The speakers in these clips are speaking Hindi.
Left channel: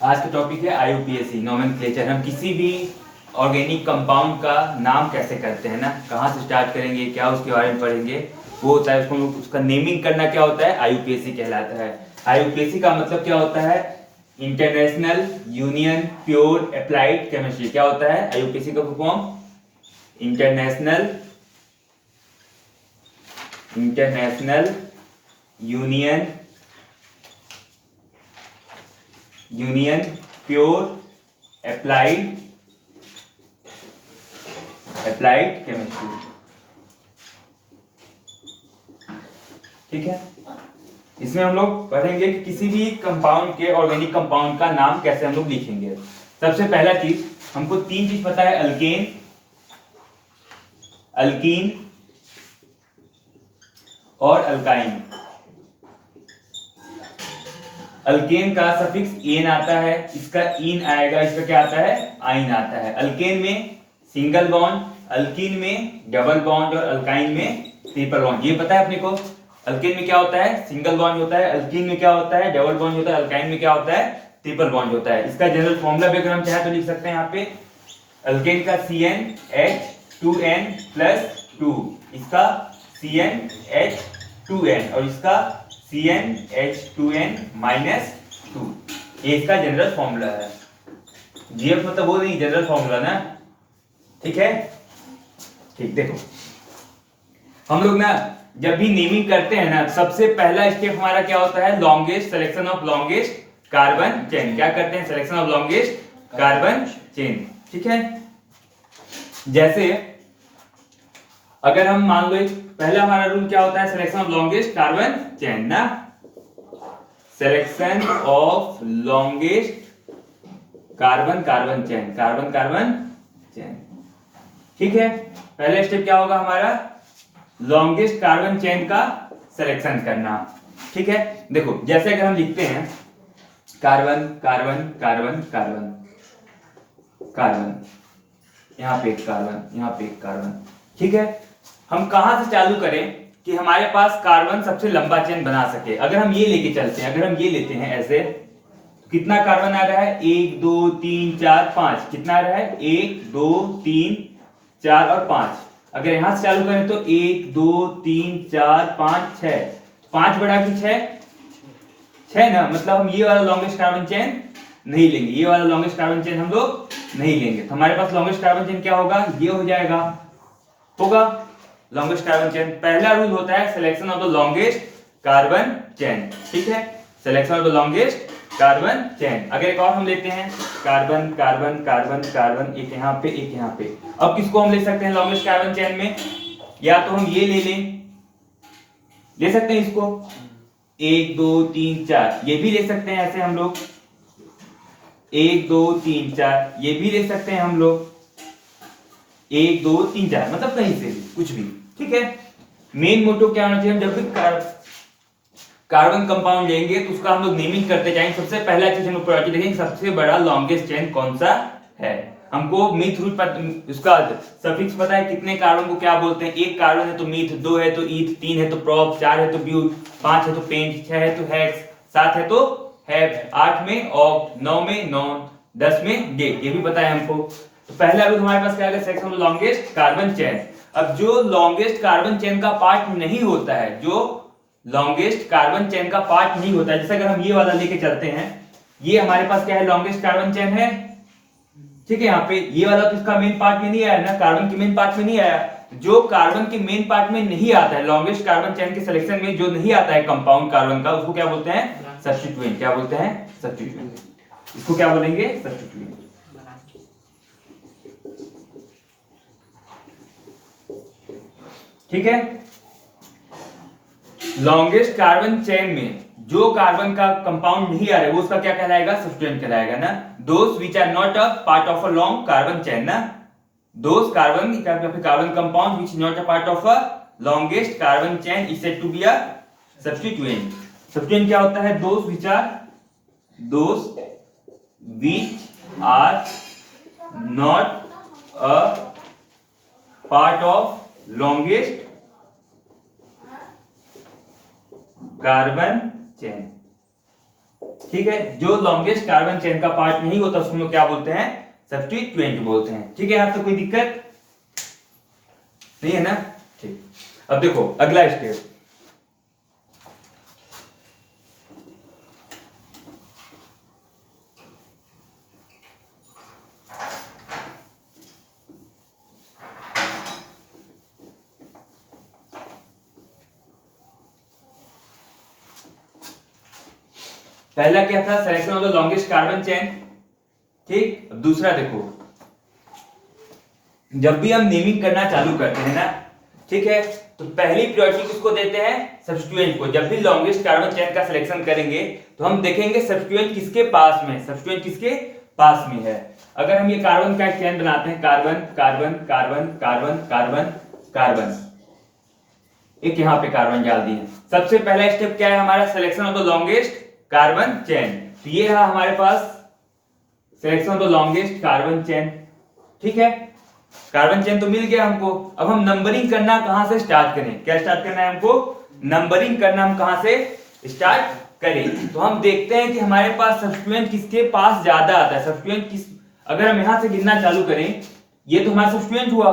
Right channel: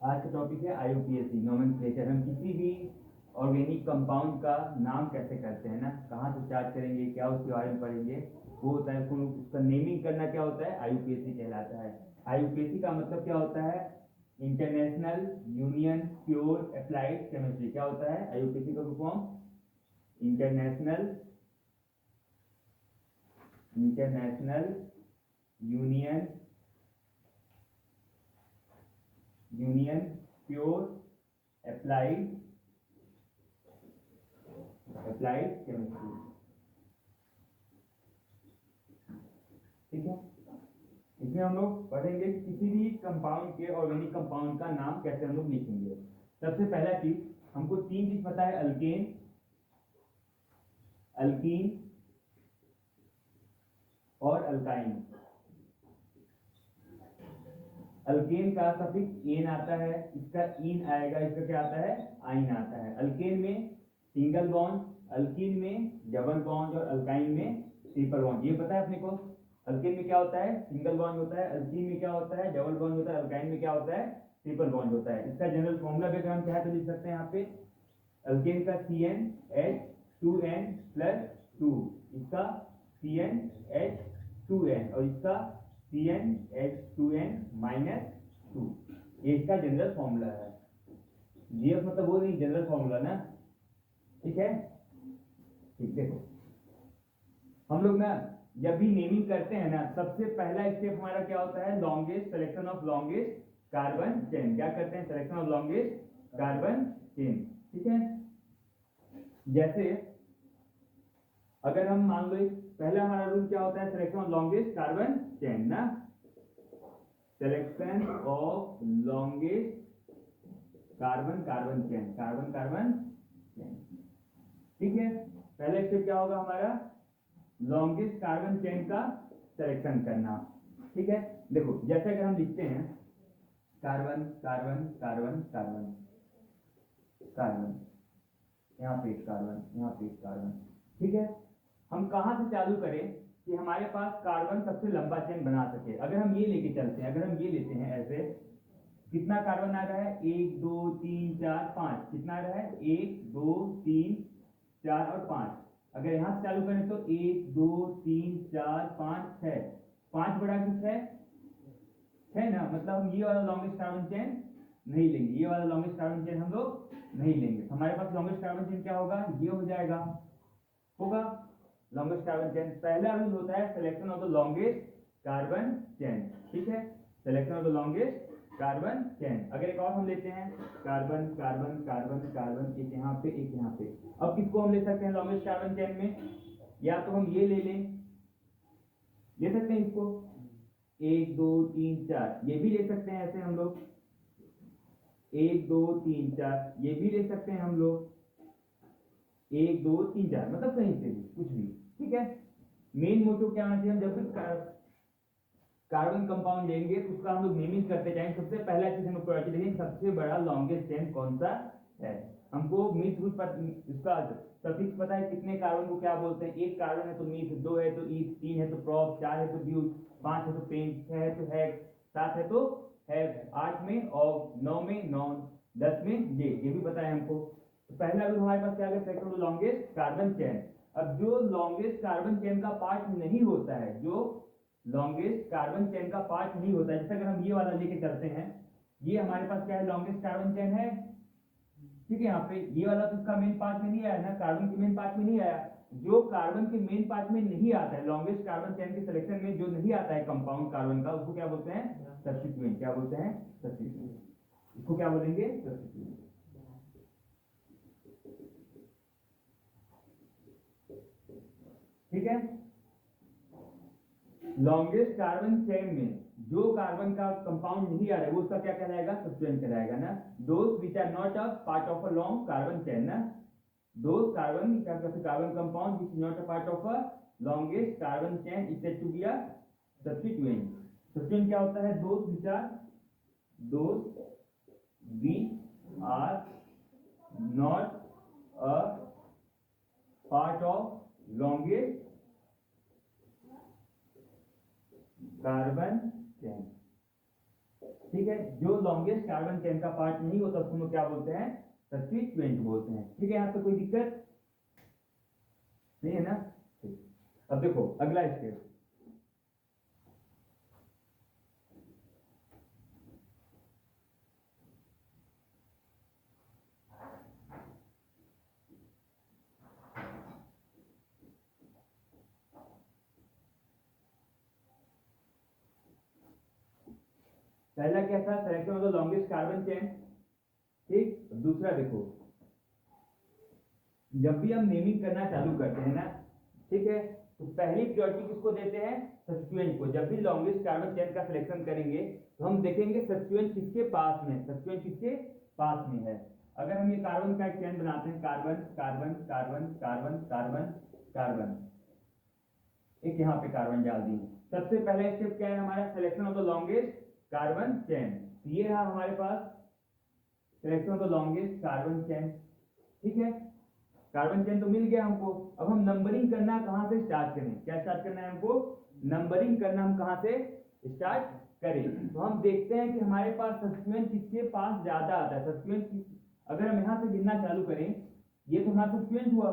आज का टॉपिक है आईयूपीएसी नोमेनक्लेचर। हम किसी भी ऑर्गेनिक कंपाउंड का नाम कैसे करते हैं ना, कहाँ से स्टार्ट करेंगे, क्या उसके बारे में पढ़ेंगे, वो होता है उसको उसका नेमिंग करना क्या होता है, आईयूपीएसी कहलाता है। आईयूपीएसी का मतलब क्या होता है, international union pure applied chemistry. क्या होता है आईयूपीएसी का full form? International union pure applied chemistry. ठीक है, इसमें हम लोग पढ़ेंगे कि किसी भी कंपाउंड के, ऑर्गेनिक कंपाउंड का नाम कैसे हम लोग लिखेंगे। सबसे पहला चीज, हमको तीन चीज पता है, अल्कीन और अल्काइन। अल्केन का सफिक्स एन आता है, इसका इन आएगा, इसका क्या आता है, आइन आता है। अल्केन में सिंगल बॉन्ड, अल्कीन में डबल बॉन्ड और अल्काइन में ट्रिपल बॉन्ड। ये पता है अपने को, अल्केन में क्या होता है, सिंगल बॉन्ड होता है, अल्कीन में क्या होता है, डबल बॉन्ड होता है, अल्काइन में क्या होता है, ट्रिपल बॉन्ड होता है। इसका जनरल फॉर्मूला भी अगर हम चाहे तो लिख सकते हैं यहाँ पे, अल्केन का CnH2n+2, इसका CnH2n और इसका CnH2n-2। ये इसका जनरल फॉर्मूला है। जीएफ मतलब वो नहीं, जनरल फॉर्मूला ना, ठीक है। ठीक, देखो हम लोग ना जब भी नेमिंग करते हैं ना, सबसे पहला स्टेप हमारा क्या होता है, longest, selection of longest carbon chain. क्या करते हैं, selection of longest carbon chain. ठीक है, जैसे अगर हम मान लो, पहला हमारा रूल क्या होता है, selection of longest carbon chain ना, selection of longest carbon chain. ठीक है, पहला स्टेप क्या होगा हमारा, लॉन्गेस्ट कार्बन चेन का सिलेक्शन करना। ठीक है, देखो जैसे अगर हम लिखते हैं carbon carbon carbon carbon carbon, यहां पे एक कार्बन, यहां पे एक कार्बन। ठीक है, हम कहां से चालू करें कि हमारे पास कार्बन सबसे लंबा चेन बना सके। अगर हम ये लेके चलते हैं, अगर हम ये लेते हैं ऐसे, तो कितना कार्बन आ रहा है, 1 2 3 4 5, कितना आ रहा है, 1 2 3 4 और 5। अगर यहां से चालू करें तो 1 2 3 4 5 6, 5 बढ़ा के 6 ना, मतलब हम ये वाला लॉन्गेस्ट कार्बन चेन नहीं लेंगे, ये वाला लॉन्गेस्ट कार्बन चेन हम लोग नहीं लेंगे। तो हमारे पास लॉन्गेस्ट कार्बन चेन क्या होगा, ये हो जाएगा, होगा लॉन्गेस्ट कार्बन चेन। पहला रूल होता है selection of the longest carbon chain. ठीक है, selection of the longest carbon chain. अगर एक और हम लेते हैं, कार्बन कार्बन कार्बन कार्बन, एक यहाँ पे एक यहाँ पे। अब किसको हम ले सकते हैं लॉन्गेस्ट कार्बन चेन में, या तो हम ये ले सकते हैं इसको, 1 2 3 4, ये भी ले सकते हैं ऐसे हम लोग, 1 2 3 4, ये भी ले सकते हैं हम लोग, 1 2 3 4, मतलब कहीं से भी कुछ भी। ठीक है, मेन मोटो क्या होना चाहिए, जब भी कार्बन कंपाउंड लेंगे तो उसका हम लोग नेमिंग करते जाएंगे। सबसे पहला चीज हम लोग प्रायोरिटी देखेंगे, सबसे बड़ा लॉन्गेस्ट चेन कौन सा है। हमको मीथ रूट पर उसका सफिक्स पता है, कितने कार्बन को क्या बोलते हैं, एक कार्बन है तो मीथ, 2 है तो ईथ, 3 है तो प्रोप, 4 है तो ब्यूट, 5 है तो पेंट, 6 है तो हेक्स, 7 है तो हेक्स, 8 में ऑक्ट, 9 में नॉन, 10 में डे, ये भी पता है हमको। तो पहला रूल हमारे पास क्या है, section of longest carbon chain. अब जो लॉन्गेस्ट कार्बन चेन का पार्ट नहीं होता है, जो लॉन्गेस्ट कार्बन चेन का पार्ट नहीं होता है, जैसे अगर हम ये वाला लेके चलते हैं, ये हमारे पास क्या है, लॉन्गेस्ट कार्बन चेन है। ठीक है, यहाँ पे ये वाला तो इसका मेन पार्ट में नहीं आया ना, कार्बन के मेन पार्ट में नहीं आया। जो कार्बन के मेन पार्ट में नहीं आता है, लॉन्गेस्ट कार्बन चेन के सिलेक्शन में जो नहीं आता है कंपाउंड कार्बन का, उसको क्या बोलते हैं, सब्स्टिट्यूएंट। क्या बोलते हैं, सब्स्टिट्यूएंट। इसको क्या बोलेंगे, सब्स्टिट्यूएंट। ठीक है, लॉन्गेस्ट कार्बन चेन में जो कार्बन का कंपाउंड नहीं आ रहा है, वो उसका क्या कहलाएगा, सब्स्टिट्यूएंट कहलाएगा ना। Those which are not a part of a long carbon chain ना, those carbon compound which not a part of a longest carbon chain is said to be a substituent. Substituent क्या होता है, those which are not a part of longest carbon chain. ठीक है, जो लॉन्गेस्ट कार्बन चेन का पार्ट नहीं होता उसको हम लोग क्या बोलते हैं, सब्स्टिट्यूएंट बोलते हैं। ठीक है, यहाँ तक कोई दिक्कत नहीं है ना? ठीक, अब देखो अगला स्टेप, पहला क्या था, selection of the longest carbon chain. ठीक, अब दूसरा देखो, जब भी हम नेमिंग करना चालू करते हैं ना, ठीक है, तो पहली प्रायोरिटी किसको देते हैं, सब्स्टिट्यूएंट को। जब भी लॉन्गेस्ट कार्बन चेन का सिलेक्शन करेंगे तो हम देखेंगे सब्स्टिट्यूएंट किसके पास में, सब्स्टिट्यूएंट किसके पास में है। अगर हम ये कार्बन का चेन बनाते हैं, carbon carbon carbon carbon carbon carbon, एक यहाँ पे कार्बन डाल दिए, सबसे पहला स्टेप क्या है हमारा, selection of the longest carbon chain. तो ये है हमारे पास selection of the longest carbon chain. ठीक है, कार्बन चेन तो मिल गया हमको। अब हम नंबरिंग करना कहां से स्टार्ट करें, क्या स्टार्ट करना है हमको, नंबरिंग करना हम कहां से स्टार्ट करें। तो हम देखते हैं कि हमारे पास सब्स्टिट्यूएंट किसके पास ज्यादा आता है, सब्स्टिट्यूएंट किस, अगर हम यहां से गिनना चालू करें, ये तो हमारा सब्स्टिट्यूएंट हुआ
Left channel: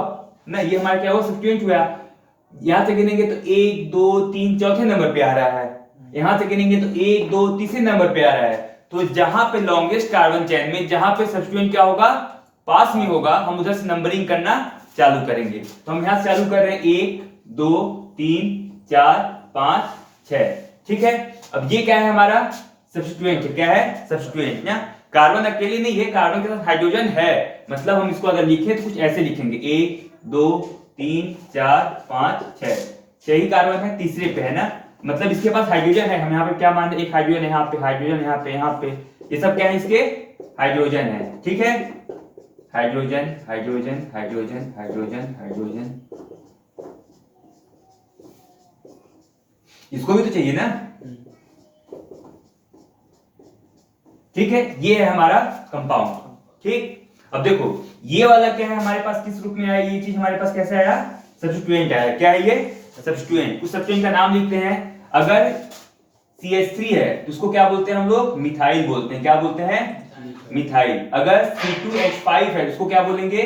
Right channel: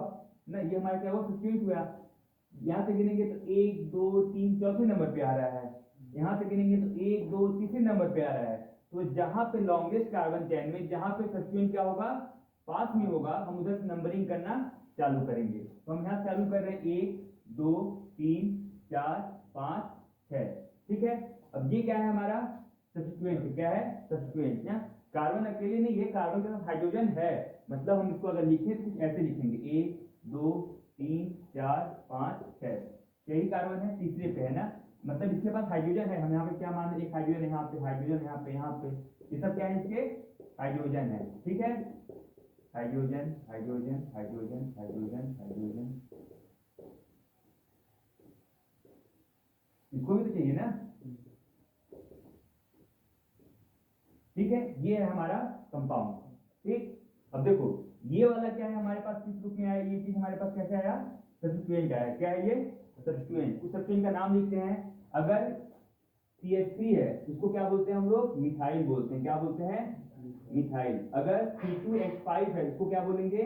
ना, ये हमारा क्या हुआ, सब्स्टिट्यूएंट हुआ। यहां से गिनेंगे तो 1 2 3 चौथे नंबर पे आ रहा है, यहां से गिनेंगे तो 1 2 तीसरे नंबर पे आ रहा है। तो जहां पे लॉन्गेस्ट कार्बन चेन में जहां पे सब्स्टिट्यूएंट क्या होगा, पास में होगा, हम उधर से नंबरिंग करना चालू करेंगे। तो हम यहां से चालू कर रहे हैं 1 2 3 4 5 6। ठीक है, अब ये क्या है हमारा सब्स्टिट्यूएंट, क्या है सब्स्टिट्यूएंट ना, कार्बन अकेले नहीं है, कार्बन के साथ हाइड्रोजन है, मतलब हम इसको अगर लिखें तो कुछ ऐसे लिखेंगे 1 2 3 4 5 6, 6 ही कार्बन है, तीसरे पे है ना, मतलब इसके पास हाइड्रोजन है। हम यहाँ पे क्या मान रहे हैं, एक हाइड्रोजन यहाँ पे, हाइड्रोजन यहाँ पे, यहाँ पे, ये सब क्या है, इसके हाइड्रोजन है। ठीक है, hydrogen hydrogen hydrogen hydrogen hydrogen, इसको भी तो चाहिए ना। ठीक है, ये है हमारा कंपाउंड। ठीक, अब देखो ये वाला क्या है हमारे पास, किस रूप में आया, ये चीज हमारे पास कैसे आया, सब्स्टिट्यूएंट आया। क्या है ये, सब्स्टिट्यूएंट। उस सब्स्टिट्यूएंट का नाम लिखते हैं, अगर CH3 है तो उसको क्या बोलते हैं हम लोग, मिथाइल बोलते हैं। क्या बोलते हैं, मिथाइल। अगर C2H5 है तो उसको क्या बोलेंगे,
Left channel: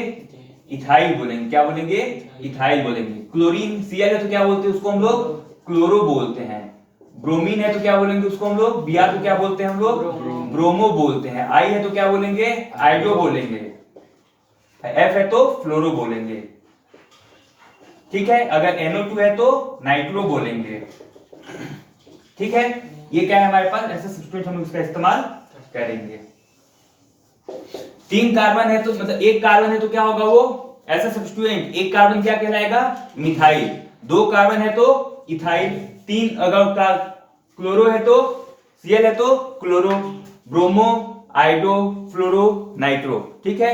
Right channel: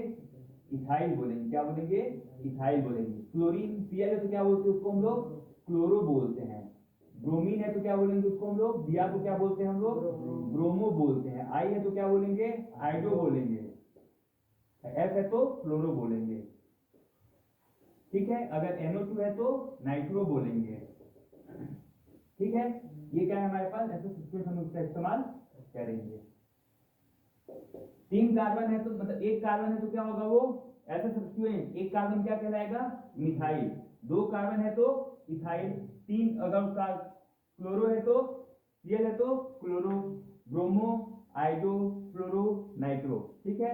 इथाइल बोलेंगे। क्या बोलेंगे, इथाइल बोलेंगे। क्लोरीन Cl है तो क्या बोलते हैं उसको हम लोग, क्लोरो बोलते हैं। ब्रोमीन है तो क्या बोलेंगे उसको हम लोग, Br को क्या बोलते हैं हम लोग, ब्रोमो बोलते हैं। I है तो क्या बोलेंगे, आइडो बोलेंगे। F है तो फ्लोरो बोलेंगे। ठीक है, अगर NO2 है तो नाइट्रो बोलेंगे। ठीक है, ये क्या है हमारे पास, ऐसे सब्स्टिट्यूएंट हम इसका इस्तेमाल करेंगे। 3 कार्बन है तो मतलब एक कार्बन है तो क्या होगा वो, ऐसा सब्स्टिट्यूएंट, एक कार्बन क्या कहलाएगा, मिथाइल। 2 कार्बन है तो इथाइल। 3 अगर क्लोरो है तो, Cl है तो क्लोरो, ब्रोमो, आइडो, फ्लोरो, नाइट्रो। ठीक है,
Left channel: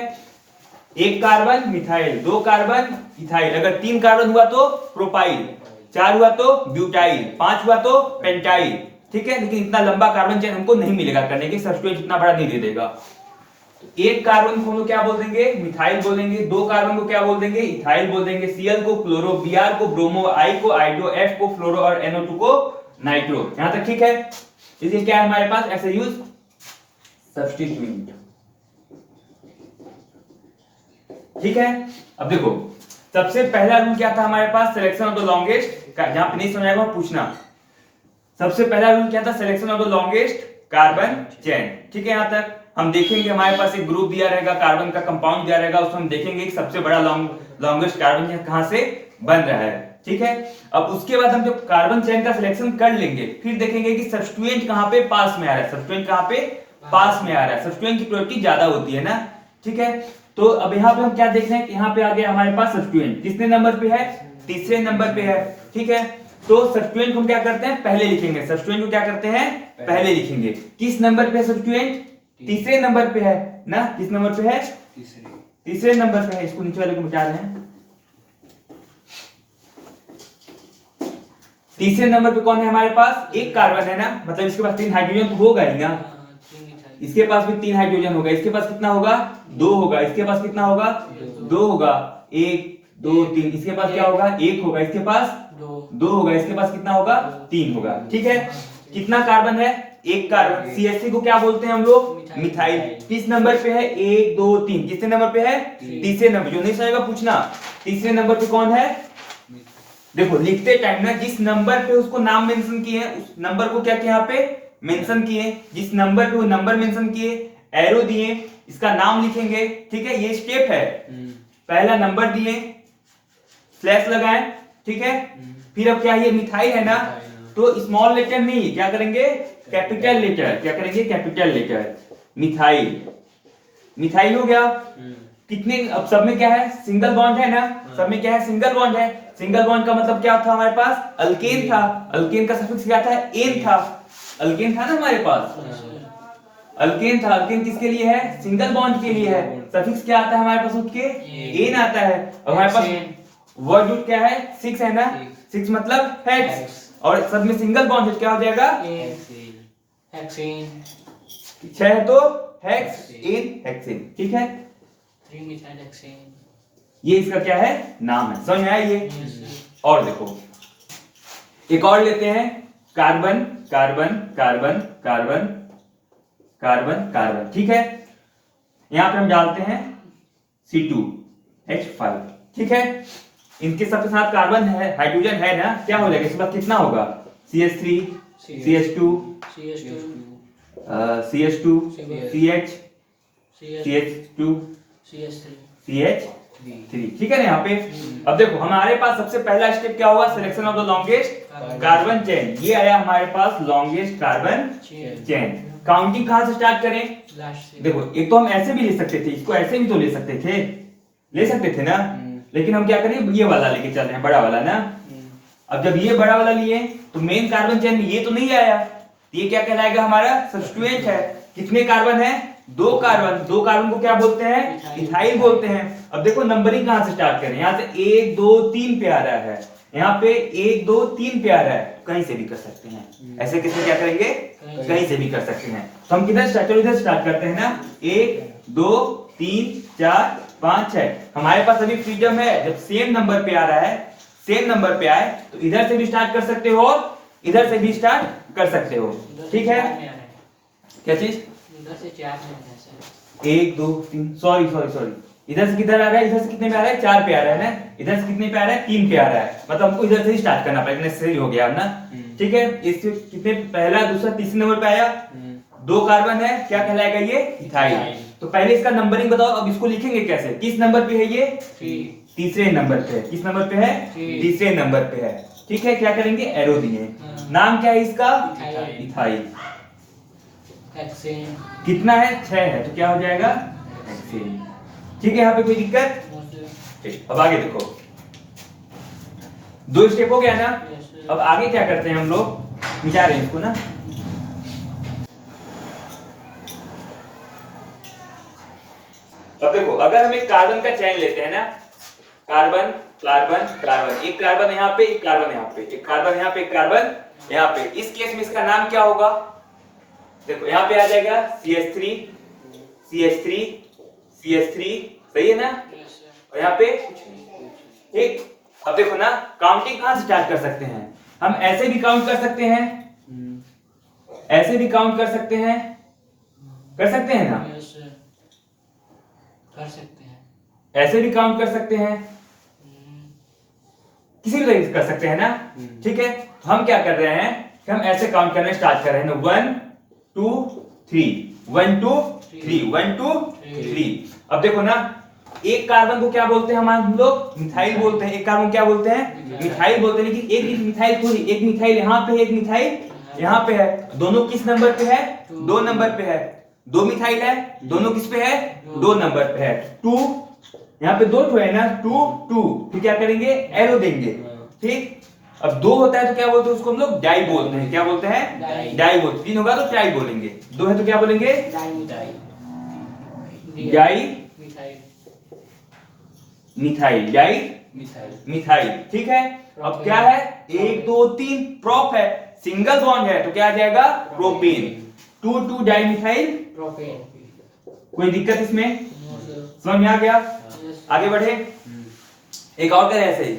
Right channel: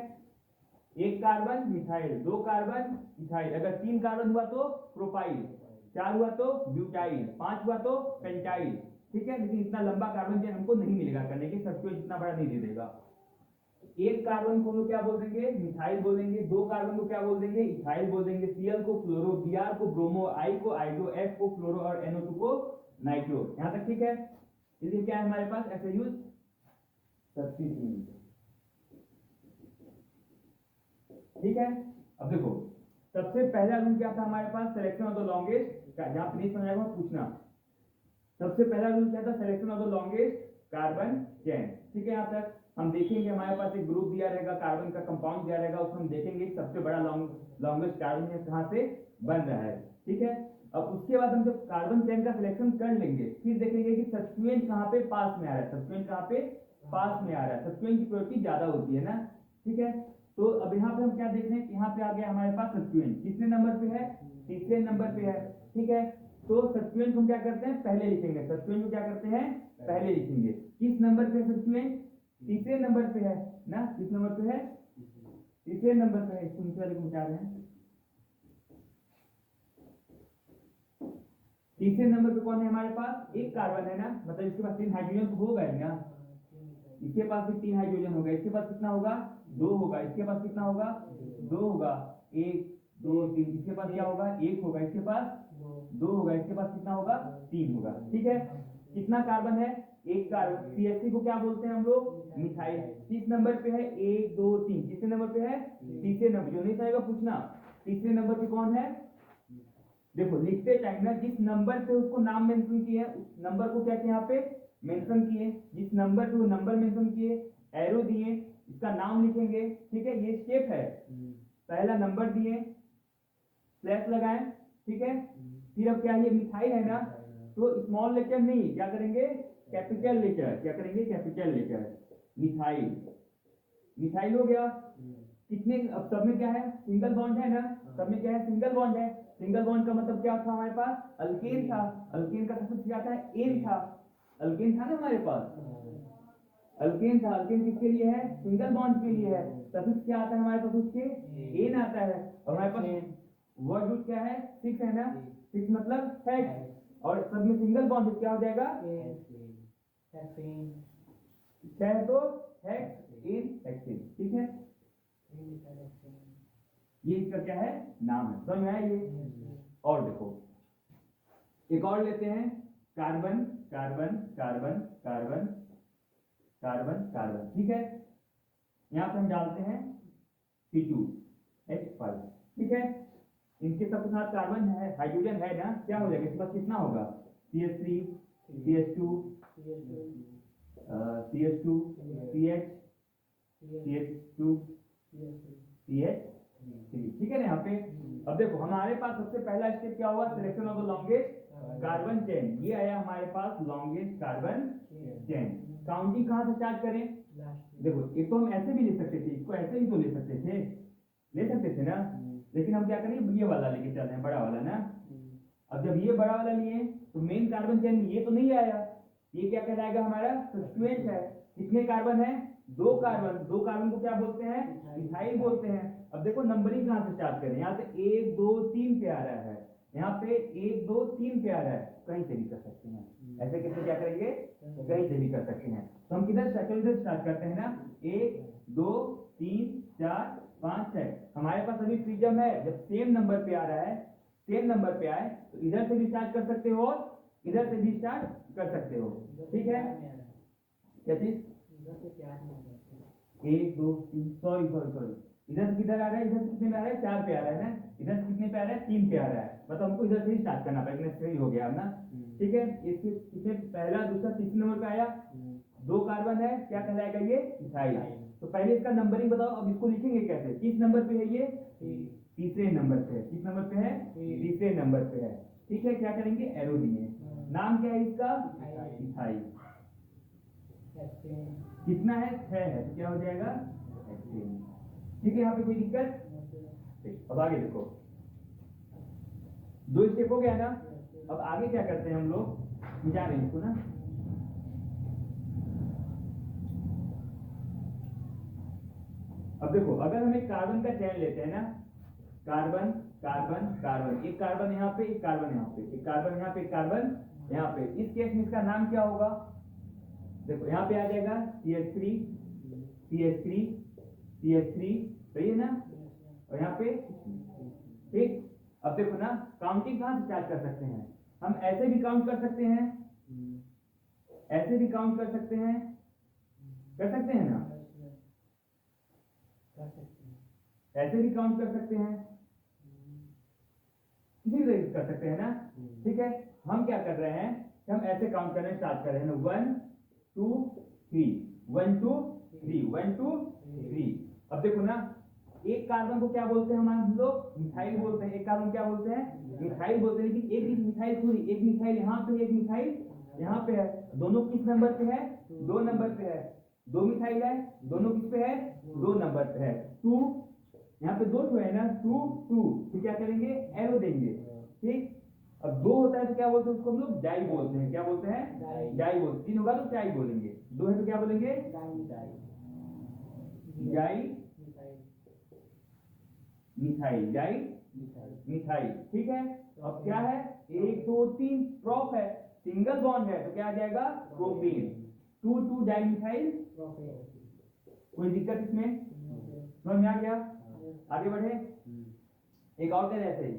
1 कार्बन मिथाइल, 2 कार्बन इथाइल। अगर 3 कार्बन हुआ तो प्रोपाइल, 4 हुआ तो ब्यूटाइल, 5 हुआ तो पेंटाइल। ठीक है, लेकिन इतना लंबा कार्बन चेन हमको नहीं मिलेगा करने के, सब्स्टिट्यूएंट इतना बड़ा नहीं दे देगा। तो 1 कार्बन को हम लोग क्या बोल देंगे, मिथाइल बोल देंगे। 2 कार्बन को क्या बोल देंगे, इथाइल बोल देंगे। Cl को क्लोरो, Br को ब्रोमो, I को आइडो, F को फ्लोरो और NO2 को नाइट्रो। यहां तक ठीक है। इसलिए क्या है हमारे पास, ऐसे यूज सब्स्टिट्यूएंट। ठीक है, अब देखो सबसे पहला रूल क्या था हमारे पास, सिलेक्शन ऑफ द लॉन्गेस्ट, जहां पे नहीं समझ आएगा पूछना। सबसे पहला रूल क्या था, selection of the longest carbon chain. ठीक है, यहां तक हम देखेंगे हमारे पास एक ग्रुप दिया रहेगा, कार्बन का कंपाउंड दिया रहेगा, उसमें हम देखेंगे कि सबसे बड़ा लॉन्गेस्ट कार्बन चेन कहां से बन रहा है। ठीक है, अब उसके बाद हम जब कार्बन चेन का सिलेक्शन कर लेंगे, फिर देखेंगे कि सब्स्टिट्यूएंट कहां पे पास में आ रहा है, सब्स्टिट्यूएंट कहां पे पास में आ रहा है। सब्स्टिट्यूएंट की प्रायोरिटी ज्यादा होती है ना। ठीक है, तो अब यहाँ पे हम क्या देख रहे हैं कि यहाँ पे आ गया हमारे पास सब्स्टिट्यूएंट, कितने नंबर पे है, तीसरे नंबर पे है। ठीक है, तो सब्स्टिट्यूएंट को हम क्या करते हैं, पहले लिखेंगे। सब्स्टिट्यूएंट को क्या करते हैं, पहले लिखेंगे। किस नंबर पे है सब्स्टिट्यूएंट, तीसरे नंबर पे है ना। किस नंबर पे है, तीसरे नंबर पे है। इसको नीचे वाले को मिटा रहे हैं। तीसरे नंबर पे कौन है हमारे पास, 1 कार्बन है ना, मतलब इसके पास 3 हाइड्रोजन तो होगा ही ना। इसके पास भी 3 हाइड्रोजन होगा, इसके पास कितना होगा, 2 होगा। इसके पास कितना होगा, 2 होगा। 1 2 3, इसके पास क्या होगा, 1 होगा। इसके पास 2 होगा। इसके पास कितना होगा, 3 होगा। ठीक है, कितना कार्बन है, एक कार्बन। CH3 को क्या बोलते हैं हम लोग? मिथाइल। किस नंबर पे है? 1 2 3। कितने नंबर पे है? तीसरे नंबर। जो नहीं समझेगा पूछना। तीसरे नंबर पे कौन है? देखो लिखते टाइम ना जिस नंबर पे उसको नाम मेंशन किए हैं उस नंबर को क्या किया यहाँ पे मेंशन किए। जिस नंबर पे वो नंबर मेंशन किए, एरो दिए, इसका नाम लिखेंगे। ठीक है, ये स्टेप है। पहला नंबर दिए, स्लैश लगाएं। ठीक है, फिर अब क्या, ये मिथाइल है ना, तो स्मॉल लेटर नहीं, क्या करेंगे? Capital letter. क्या करेंगे? Capital letter. मिथाइल। मिथाइल हो गया। कितने, अब सब में क्या है? सिंगल बॉन्ड है ना, सब में क्या है? सिंगल बॉन्ड है। सिंगल बॉन्ड का मतलब क्या था हमारे पास? अल्केन था। अल्केन का सफिक्स क्या था? एन था। अल्केन था ना हमारे पास, अल्केन था। अल्केन किसके लिए है? सिंगल बॉन्ड के लिए है। सफिक्स क्या आता है हमारे पास? उसके एन आता है। और हमारे पास वर्ड रूट क्या है? 6 है ना, 6 मतलब हेक्स। और सब में सिंगल बॉन्ड है, क्या हो जाएगा? हेक्सेन। 6 है तो हेक्स एन हेक्सेन। ठीक है, 3 मिथाइल हेक्सेन। ये इसका क्या है? नाम है। समझ में आया ये? और देखो एक और लेते हैं, carbon carbon carbon carbon carbon carbon. ठीक है, यहां पे हम डालते हैं C2H5। ठीक है, इनके सबके साथ कार्बन है, हाइड्रोजन है ना, क्या हो जाएगा इसके बाद? कितना होगा? CH3 CH2 CH2 CH CH2 CH3। ठीक है ना यहाँ पे? अब देखो हमारे पास सबसे पहला स्टेप क्या होगा? Selection of the longest carbon chain. ये आया हमारे पास लॉन्गेस्ट कार्बन चेन। काउंटिंग कहां से स्टार्ट करें? देखो एक तो हम ऐसे भी ले सकते थे, इसको ऐसे भी तो ले सकते थे, ले सकते थे ना, लेकिन हम क्या करें? ये वाला लेके चल रहे हैं, बड़ा वाला ना। अब जब ये बड़ा वाला लिए तो मेन कार्बन चेन में ये तो नहीं आया, ये क्या कहलाएगा? हमारा सब्स्टिट्यूएंट है। कितने कार्बन है? 2 कार्बन। 2 कार्बन को क्या बोलते हैं? इथाइल बोलते हैं। अब देखो नंबरिंग कहां से स्टार्ट करें? यहाँ से 1 2 3 पे आ रहा है, यहाँ पे 1 2 3 पे आ रहा है, कहीं से भी कर सकते हैं। ऐसे किससे क्या करेंगे? कहीं से भी कर सकते हैं। तो हम किधर स्टार्ट, इधर स्टार्ट करते हैं ना। 1 2 3 4 5 6। हमारे पास अभी फ्रीडम है, जब सेम नंबर पे आ रहा है, सेम नंबर पे आए तो इधर से भी स्टार्ट कर सकते हो और इधर से भी स्टार्ट कर सकते हो। ठीक है, क्या चीज? इधर से 4 में है सर। 1 2 3, सॉरी सॉरी सॉरी, इधर से किधर आ रहा है? इधर से कितने पे आ रहा है? 4 पे आ रहा है ना। इधर से कितने पे आ रहा है? 3 पे आ रहा है। मतलब हमको इधर से ही स्टार्ट करना पड़ेगा, नेसेसरी हो गया अब ना। ठीक है, इससे कितने, पहला दूसरा तीसरे नंबर पे आया, 2 कार्बन है, क्या कहलाएगा ये? इथाइल। तो पहले इसका नंबरिंग बताओ, अब इसको लिखेंगे कैसे? किस नंबर पे है ये? तीसरे नंबर पे है। किस नंबर पे है? तीसरे नंबर पे है। ठीक है, क्या करेंगे? एरो दिए। नाम क्या है इसका? इथाइल। हेक्सेन। कितना है? 6 है, तो क्या हो जाएगा? हेक्सेन। ठीक है, यहाँ पे कोई दिक्कत? ठीक, अब आगे देखो, 2 स्टेप हो गया ना। अब आगे क्या करते हैं हम लोग? मिटा रहे हैं इसको ना। अब देखो अगर हम एक कार्बन का चेन लेते हैं ना, कार्बन कार्बन कार्बन, एक कार्बन यहाँ पे, एक कार्बन यहाँ पे, एक कार्बन यहाँ पे, एक कार्बन यहाँ पे, इस केस में इसका नाम क्या होगा? देखो यहाँ पे आ जाएगा CH3 CH3 CH3, सही है ना? और यहाँ पे कुछ नहीं। ठीक, अब देखो ना, काउंटिंग कहां से स्टार्ट कर सकते हैं? हम ऐसे भी काउंट कर सकते हैं, ऐसे भी काउंट कर सकते हैं, कर सकते हैं ना? कर सकते हैं, ऐसे भी काउंट कर सकते हैं, किसी भी तरीके से कर सकते हैं ना। ठीक है, तो हम क्या कर रहे हैं कि हम ऐसे काउंट करने स्टार्ट कर रहे हैं ना, 1 2 3 1 2 3 1 2 3। अब देखो ना, एक कार्बन को क्या बोलते हैं हम लोग? मिथाइल बोलते हैं। एक कार्बन क्या बोलते हैं? मिथाइल बोलते हैं। लेकिन एक मिथाइल थोड़ी, एक मिथाइल यहाँ पे, एक मिथाइल यहाँ पे है। दोनों किस नंबर पे है? 2 नंबर पे है। 2 मिथाइल है, दोनों किस पे है? 2 नंबर पे है। 2 यहाँ पे 2 ठो है ना, 2 2, फिर क्या करेंगे? एरो देंगे। ठीक, अब 2 होता है तो क्या बोलते हैं उसको? हम लोग डाई बोलते हैं। क्या बोलते हैं? डाई बोलते हैं। 3 होगा तो ट्राई बोलेंगे, 2 है तो क्या बोलेंगे? Di methyl, di methyl. ठीक है, अब क्या है? 1 2 3 प्रोप है, सिंगल बॉन्ड है, तो क्या आ जाएगा? प्रोपेन। 2 2 di methyl propane. कोई दिक्कत इसमें? समझ में आ गया? आगे बढ़े, एक और करें ऐसे ही।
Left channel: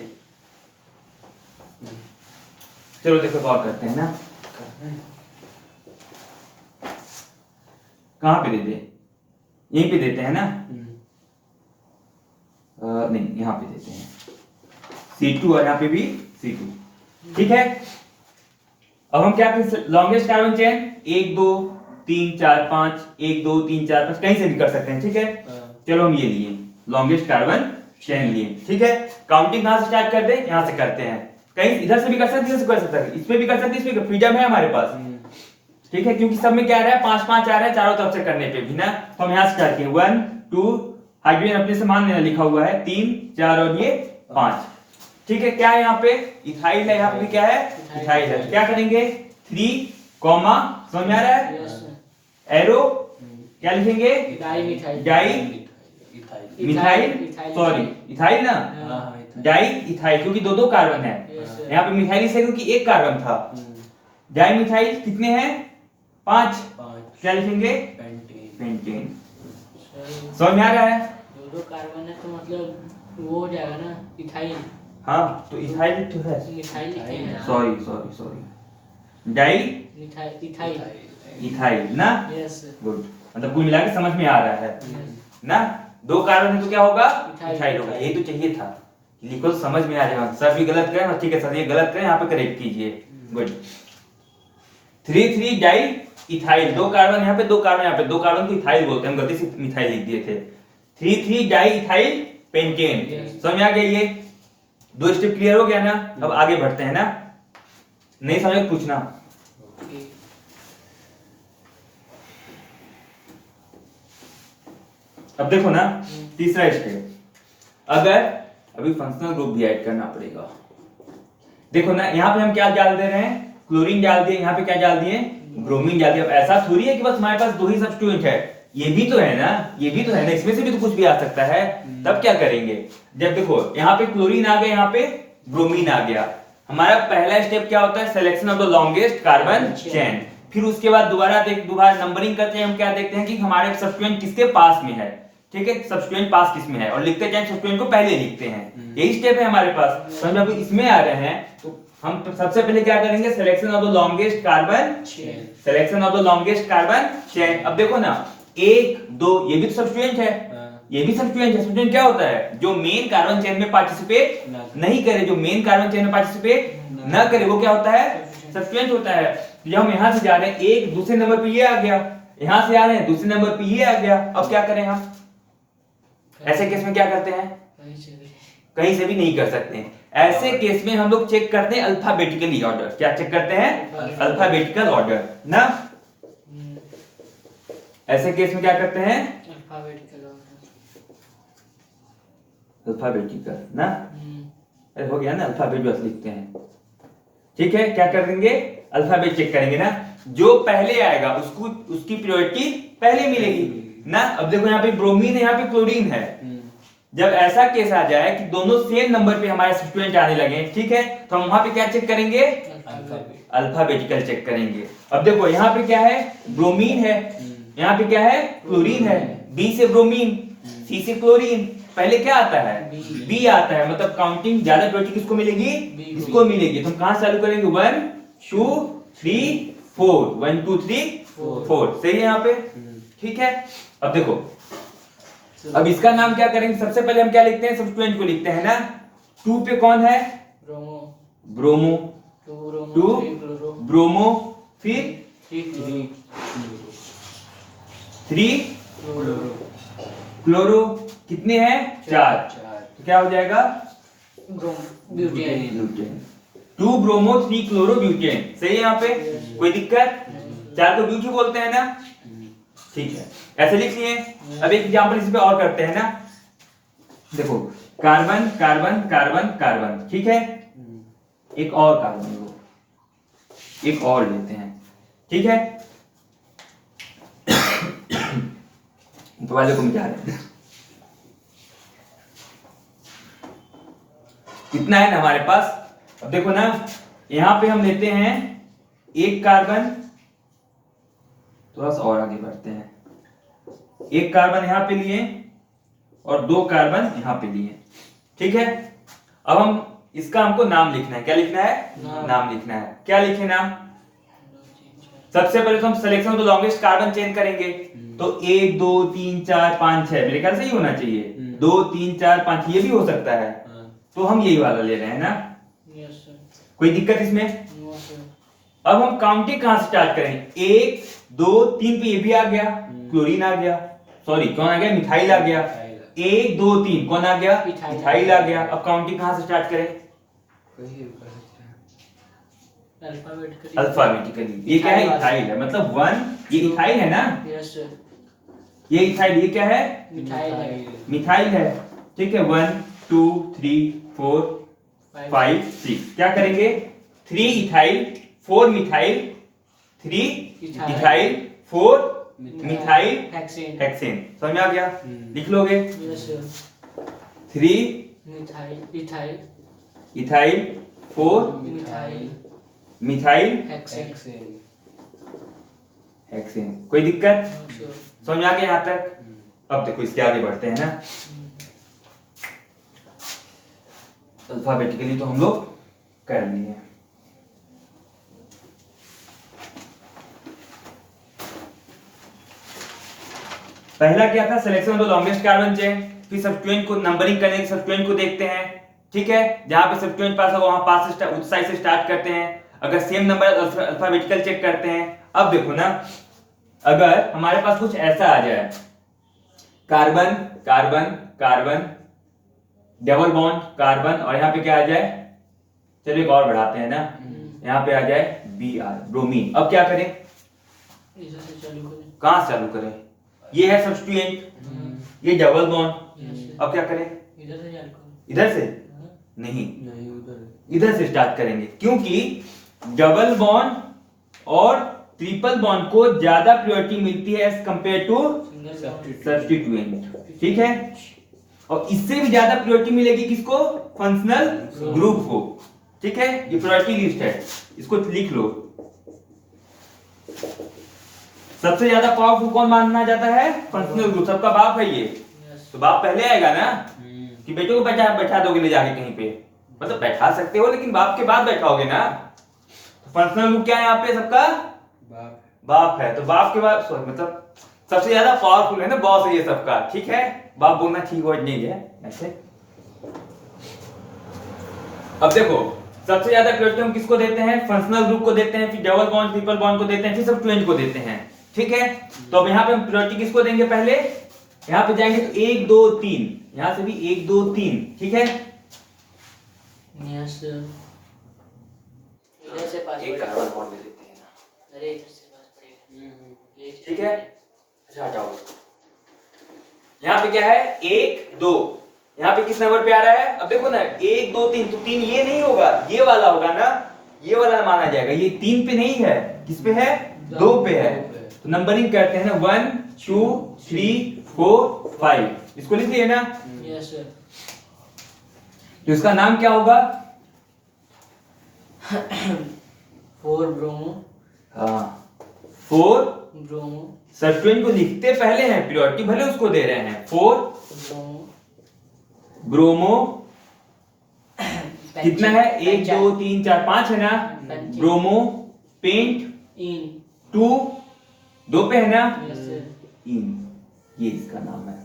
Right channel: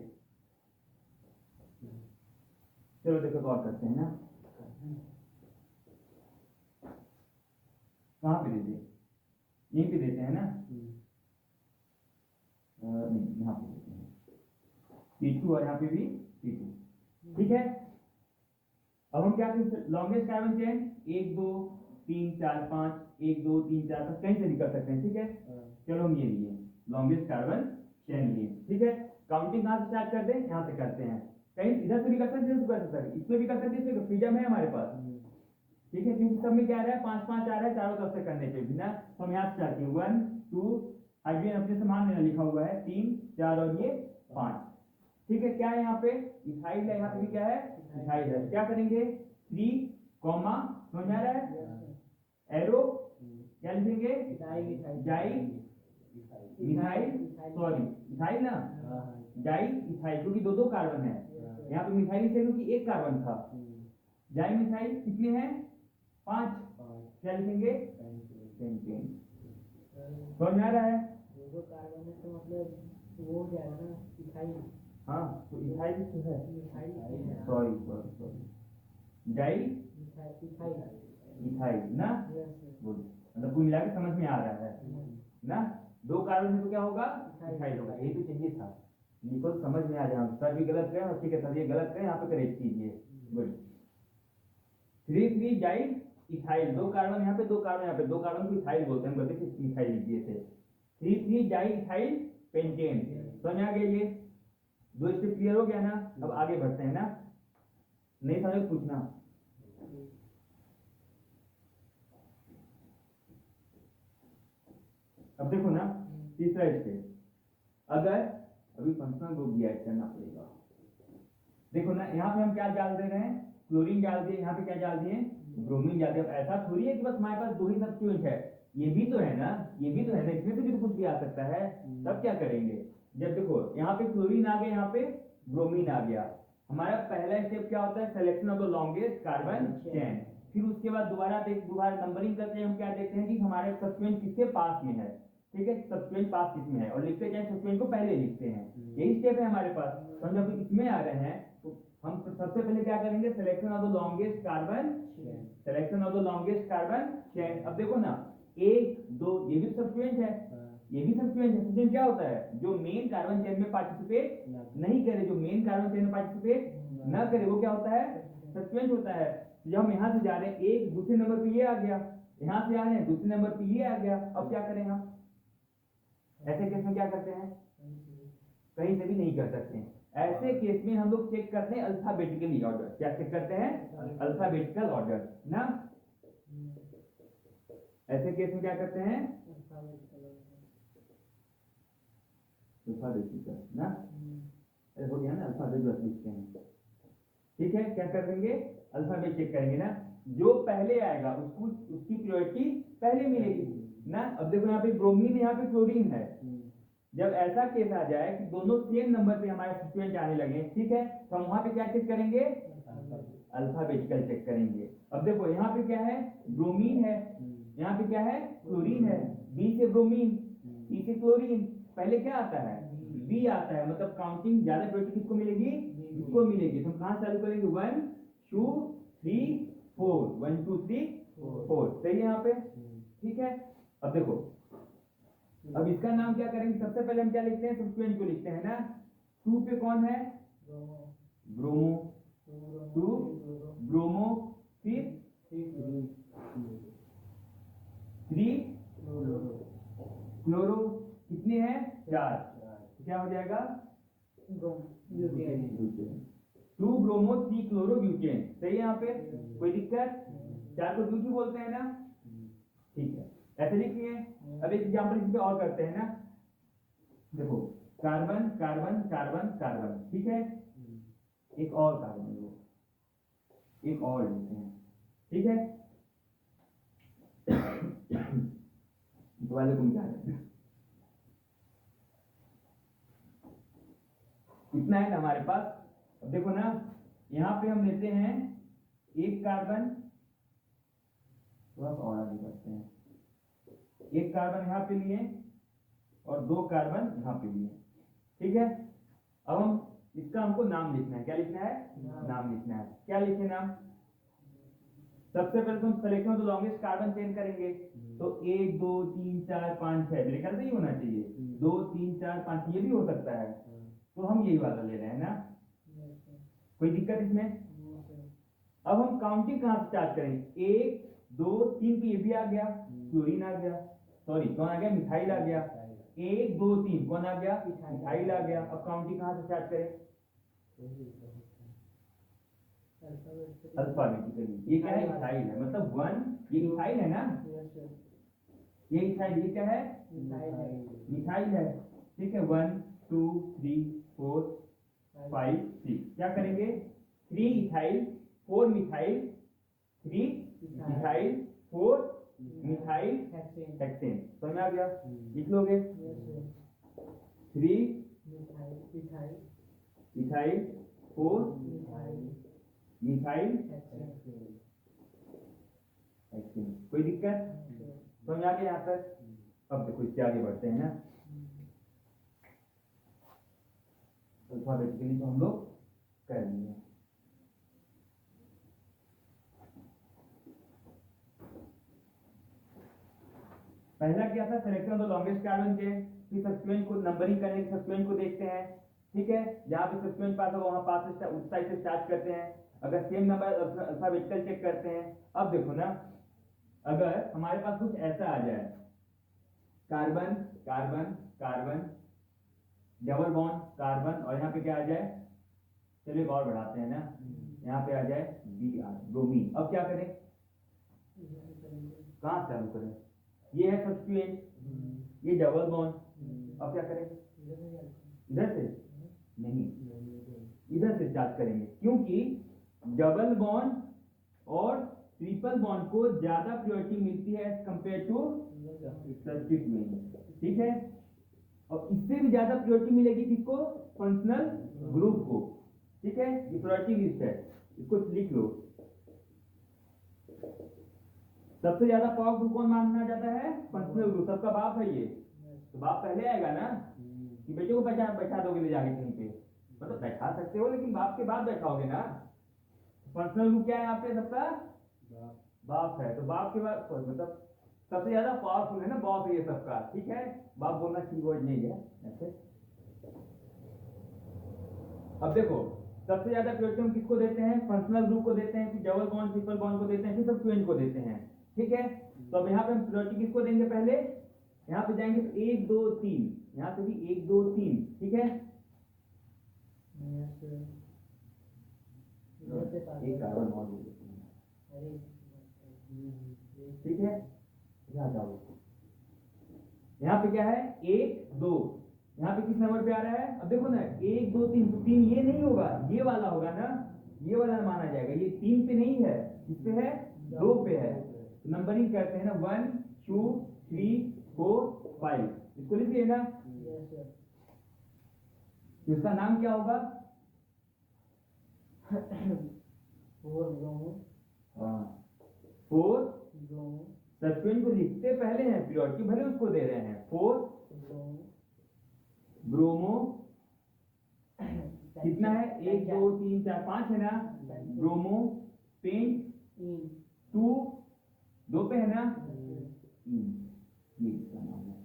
चलो देखो और करते हैं ना। कहाँ पे देते हैं? यहीं पे देते हैं ना? नहीं, यहाँ पे देते हैं C2 और यहाँ पे भी C2। ठीक है, अब हम क्या करें? लॉन्गेस्ट कार्बन चेन 1 2 3 4 5, 1 2 3 4 5 कहीं से भी कर सकते हैं। ठीक है, चलो हम ये लिए लॉन्गेस्ट कार्बन चेन लिए। ठीक है, काउंटिंग कहाँ से स्टार्ट कर दे? यहाँ से करते हैं। कहीं इधर से भी कर सकते हैं, इधर से कर सकते हैं, इसमें भी कर सकते हैं, इसमें फ्रीडम है हमारे पास। ठीक है, क्योंकि सब में क्या आ रहा है? 5 5 आ रहा है चारों तरफ से करने पे भी ना, तो हम यहाँ से स्टार्ट किए 1 2, हाइड्रोजन अपने से मान लेना, लिखा हुआ है 3 4 और ये 5। ठीक है, क्या है यहाँ पे? इथाइल है, यहाँ पे भी क्या है? इथाइल है। क्या करेंगे? 3 कॉमा, समझ में आ रहा है? एरो क्या लिखेंगे? डाई मिथाइल, सॉरी इथाइल ना, डाई इथाइल, क्योंकि दो दो कार्बन है। यहाँ पे मिथाइल इसलिए क्योंकि एक कार्बन था। डाई मिथाइल कितने हैं? 5। क्या लिखेंगे? पेंटेन। समझ में आ रहा है? दो कार्बन है तो मतलब वो हो जाएगा ना इथाइल। हाँ, तो इथाइल तो है, मिथाइल लिखते हैं। सॉरी डाई इथाइल इथाइल ना। यस, गुड, मतलब कुल मिला के समझ में आ रहा है ना? दो कार्बन है तो क्या होगा? इथाइल होगा। ये तो चाहिए था, लिखो तो समझ में आ जाएगा। सर भी गलत करें और ठीक है सर ये गलत करें, यहाँ पे करेक्ट कीजिए। गुड। 3 3 डाई इथाइल, दो कार्बन यहाँ पे, दो कार्बन यहाँ पे, दो कार्बन को इथाइल बोलते हैं, हम गलती से मिथाइल लिख दिए थे। 3 3 डाई इथाइल पेंटेन। समझ में आ गया? ये दो स्टेप क्लियर हो गया ना? अब आगे बढ़ते हैं ना, नहीं समझ तो पूछना। अब देखो ना, तीसरा स्टेप, अगर अभी फंक्शनल ग्रुप भी ऐड करना पड़ेगा। देखो ना, यहाँ पे हम क्या डाल दे रहे हैं? क्लोरीन डाल दिए, यहाँ पे क्या डाल दिए? ब्रोमीन डाल दिया। अब ऐसा थोड़ी है कि बस हमारे पास दो ही सब्स्टिट्यूएंट है, ये भी तो है ना, ये भी तो है ना, इसमें से भी तो कुछ भी आ सकता है। तब क्या करेंगे? जब देखो यहाँ पे क्लोरीन आ गया, यहाँ पे ब्रोमीन आ गया, हमारा पहला स्टेप क्या होता है? Selection of the longest carbon chain. फिर उसके बाद दोबारा नंबरिंग करते हैं, हम क्या देखते हैं कि हमारे सब्स्टिट्यूएंट किसके पास में है। ठीक है, सब्स्टिट्यूएंट पास किसमें है, और लिखते जाए सब्स्टिट्यूएंट को पहले लिखते हैं। यही स्टेप है हमारे पास। तो हम जब इसमें आ रहे हैं तो हम सबसे पहले क्या करेंगे? Selection of the longest carbon chain. Selection of the longest carbon chain. अब देखो ना, 1 2 ये भी तो सब्स्टिट्यूएंट है, ये भी सब्स्टिट्यूएंट है। सब्स्टिट्यूएंट क्या होता है? जो मेन कार्बन चेन में पार्टिसिपेट नहीं करे, जो मेन कार्बन चेन में पार्टिसिपेट ना करे, वो क्या होता है? सब्स्टिट्यूएंट होता है। तो जब हम यहां से जा रहे हैं, एक दूसरे नंबर पे ये आ गया, यहां से आ रहे हैं दूसरे नंबर पे ये आ गया। अब क्या करें हम? ऐसे केस में क्या करते हैं? कहीं से भी नहीं कर सकते हैं। ऐसे केस में हम लोग चेक करते हैं अल्फाबेटिकली ऑर्डर। क्या चेक करते हैं? अल्फाबेटिकल ऑर्डर ना। ऐसे केस में क्या करते हैं? अल्फाबेटिकल ना। अरे हो गया ना, अल्फाबेट बस लिखते हैं। ठीक है, क्या करेंगे? अल्फाबेट चेक करेंगे ना, जो पहले आएगा उसको उसकी प्रायोरिटी पहले मिलेगी ना। अब देखो यहाँ पे ब्रोमीन है, यहाँ पे क्लोरीन है। जब ऐसा केस आ जाए कि दोनों सेम नंबर पे हमारे सब्स्टिट्यूएंट आने लगे, ठीक है, तो हम वहां पे क्या चेक करेंगे? अल्फाबेटिकल चेक करेंगे। अब देखो यहाँ पे क्या है? ब्रोमीन है, यहाँ पे क्या है? क्लोरीन है। बी से ब्रोमीन, सी से क्लोरीन, पहले क्या आता है? बी आता है। मतलब काउंटिंग ज्यादा प्रायोरिटी किसको मिलेगी? इसको मिलेगी। तो हम कहां चालू करेंगे? 1 2 3 4, 1 2 3 4। सही है यहाँ पे? ठीक है, अब देखो, अब इसका नाम क्या करेंगे? सबसे पहले हम क्या लिखते हैं? सब्स्टिट्यूएंट को लिखते हैं ना। 2 पे कौन है? ब्रोमो। 2 ब्रोमो, फिर 3 क्लोरो। कितने हैं? 4। तो क्या हो जाएगा? ब्यूटेन। 2 bromo 3 chloro butane. सही है यहाँ पे? कोई दिक्कत? 4 को ब्यूटी बोलते हैं ना। ठीक है, ऐसे लिख लिए। अब एक एग्जांपल इस पे और करते हैं ना। देखो, कार्बन कार्बन कार्बन कार्बन, ठीक है, एक और कार्बन लो, एक और लेते हैं। ठीक है, ऊपर वाले को मिटा रहे हैं। कितना है ना हमारे पास? अब देखो ना, यहां पे हम लेते हैं एक कार्बन, थोड़ा सा और आगे बढ़ते हैं, एक कार्बन यहां पे लिए और 2 कार्बन यहां पे लिए। ठीक है, अब हम इसका हमको नाम लिखना है। क्या लिखना है? नाम लिखना है। क्या लिखे नाम? सबसे पहले तो हम selection of the longest carbon chain करेंगे। तो 1 2 3 4 5 6 मेरे ख्याल से ये होना चाहिए। 2 3 4 5 ये भी हो सकता है। तो हम यही वाला ले रहे हैं ना। Yes sir. कोई दिक्कत इसमें? No sir. अब हम काउंटिंग कहां से स्टार्ट करेंगे? 1 2 3 पे ये भी आ गया, क्लोरीन आ गया, सॉरी कौन आ गया? मिथाइल आ गया। 1 2 3 कौन आ गया? मिथाइल आ गया। अब काउंटिंग कहां से स्टार्ट करें? अल्फाबेटिकली। अल्फाबेटिकली। ये क्या है? इथाइल है, मतलब 1 ये इथाइल है ना। Yes sir. ये इथाइल, ये क्या है? मिथाइल है। मिथाइल है। ठीक है, 1 2 3 4 5 6 क्या करेंगे? 3 ethyl 4 methyl 3 ethyl 4 methyl hexane. Hexane. समझ में आ गया? लिख लोगे? Yes sir. 3 methyl ethyl ethyl 4 methyl methyl hexane. Hexane. कोई दिक्कत? सर। समझ में आ गया यहाँ तक? अब देखो इसके आगे बढ़ते हैं ना। अल्फाबेटिकली तो हम लोग कर लिए। पहला क्या था? Selection of the longest carbon chain. फिर सब्स्टिट्यूएंट को नंबरिंग करने के सब्स्टिट्यूएंट को देखते हैं। ठीक है, जहां पे सब्स्टिट्यूएंट पास होगा वहां पास से उस साइड से स्टार्ट करते हैं। अगर सेम नंबर अल्फाबेटिकल चेक करते हैं। अब देखो ना, अगर हमारे पास कुछ ऐसा आ जाए, carbon carbon carbon double bond carbon, और यहाँ पे क्या आ जाए? चलिए एक और बढ़ाते हैं ना, यहाँ पे आ जाए Br ब्रोमीन। अब क्या करें? इधर से चालू करें। कहां से चालू करें? ये है सब्स्टिट्यूएंट, ये डबल बॉन्ड। अब क्या करें? इधर से चालू करें। इधर से नहीं, इधर से स्टार्ट करेंगे, क्योंकि डबल बॉन्ड और ट्रिपल बॉन्ड को ज्यादा प्रायोरिटी मिलती है एज कंपेयर टू सब्स्टिट्यूएंट। ठीक है, और इससे भी ज्यादा प्रायोरिटी मिलेगी किसको? फंक्शनल ग्रुप को। ठीक है, ये प्रायोरिटी लिस्ट है, इसको लिख लो। सबसे ज्यादा पावरफुल कौन माना जाता है? Functional group. सबका बाप है ये, तो बाप पहले आएगा ना। कि बेटों को बैठा बैठा दोगे ले जाके कहीं पे? मतलब बैठा सकते हो, लेकिन बाप के बाद बैठाओगे ना। तो फंक्शनल ग्रुप क्या है यहाँ पे? सबका बाप है। तो बाप के बाद मतलब सबसे ज्यादा पावरफुल है ना, बॉस है ये सबका। ठीक है, बाप बोलना ठीक वर्ड नहीं है ऐसे। अब देखो, सबसे ज्यादा प्रायोरिटी हम किसको देते हैं? फंक्शनल ग्रुप को देते हैं, फिर डबल बॉन्ड ट्रिपल बॉन्ड को देते हैं, फिर सब्स्टिट्यूएंट को देते हैं। ठीक है, तो अब यहाँ पे हम प्रायोरिटी किसको देंगे? पहले यहाँ पे जाएंगे तो 1 2 3, यहाँ से भी 1 2 3। ठीक है, यस सर। इधर से पास एक कार्बन बॉन्ड दे देते हैं ना। अरे इधर से पास पड़ेगा। ठीक है, अच्छा हटाओ। यहाँ पे क्या है? 1 2, यहाँ पे किस नंबर पे आ रहा है? अब देखो ना, 1 2 3, तो 3 ये नहीं होगा, ये वाला होगा ना, ये वाला माना जाएगा। ये 3 पे नहीं है, किस पे है? 2 पे है। तो नंबरिंग करते हैं ना, 1 2 3 4 5। इसको लिख लिए ना। Yes sir. तो इसका नाम क्या होगा? 4 ब्रोमो। हाँ, 4 ब्रोमो सब्स्टिट्यूएंट को लिखते पहले हैं, प्रायोरिटी भले उसको दे रहे हैं। 4 ब्रोमो ब्रोमो कितना है? 1 2 3 4 5 है ना। ब्रोमो पेंट इन। 2 2 पे है ना। Yes sir. इन, ये इसका नाम है।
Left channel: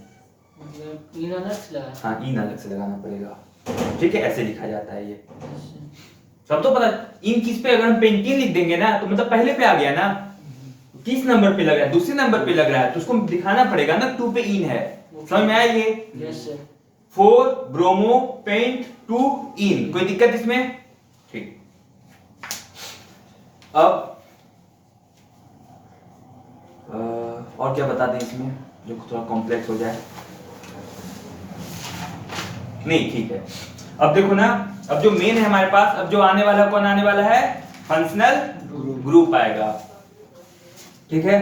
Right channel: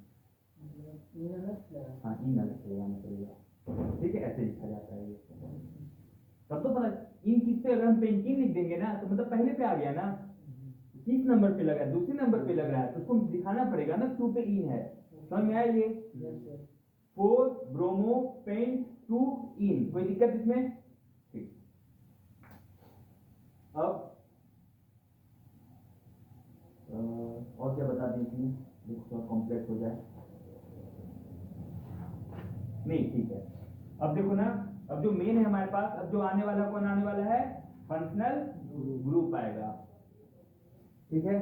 मतलब इन अलग से लगा। हाँ, इन अलग से लगाना पड़ेगा। ठीक है, ऐसे लिखा जाता है ये। Yes sir. सब तो पता। इन किस पे? अगर हम पेंटिंग लिख देंगे ना, तो मतलब पहले पे आ गया ना। किस नंबर पे लग रहा है? दूसरे नंबर पे लग रहा है, तो उसको दिखाना पड़ेगा ना 2 पे इन है। समझ में आया ये? Yes sir. 4 ब्रोमो पेंट 2 इन। कोई दिक्कत इसमें? ठीक। अब और क्या बता दें इसमें जो थोड़ा कॉम्प्लेक्स हो जाए? नहीं, ठीक है। अब देखो ना, अब जो मेन है हमारे पास, अब जो आने वाला कौन आने वाला है? फंक्शनल ग्रुप आएगा। ठीक है,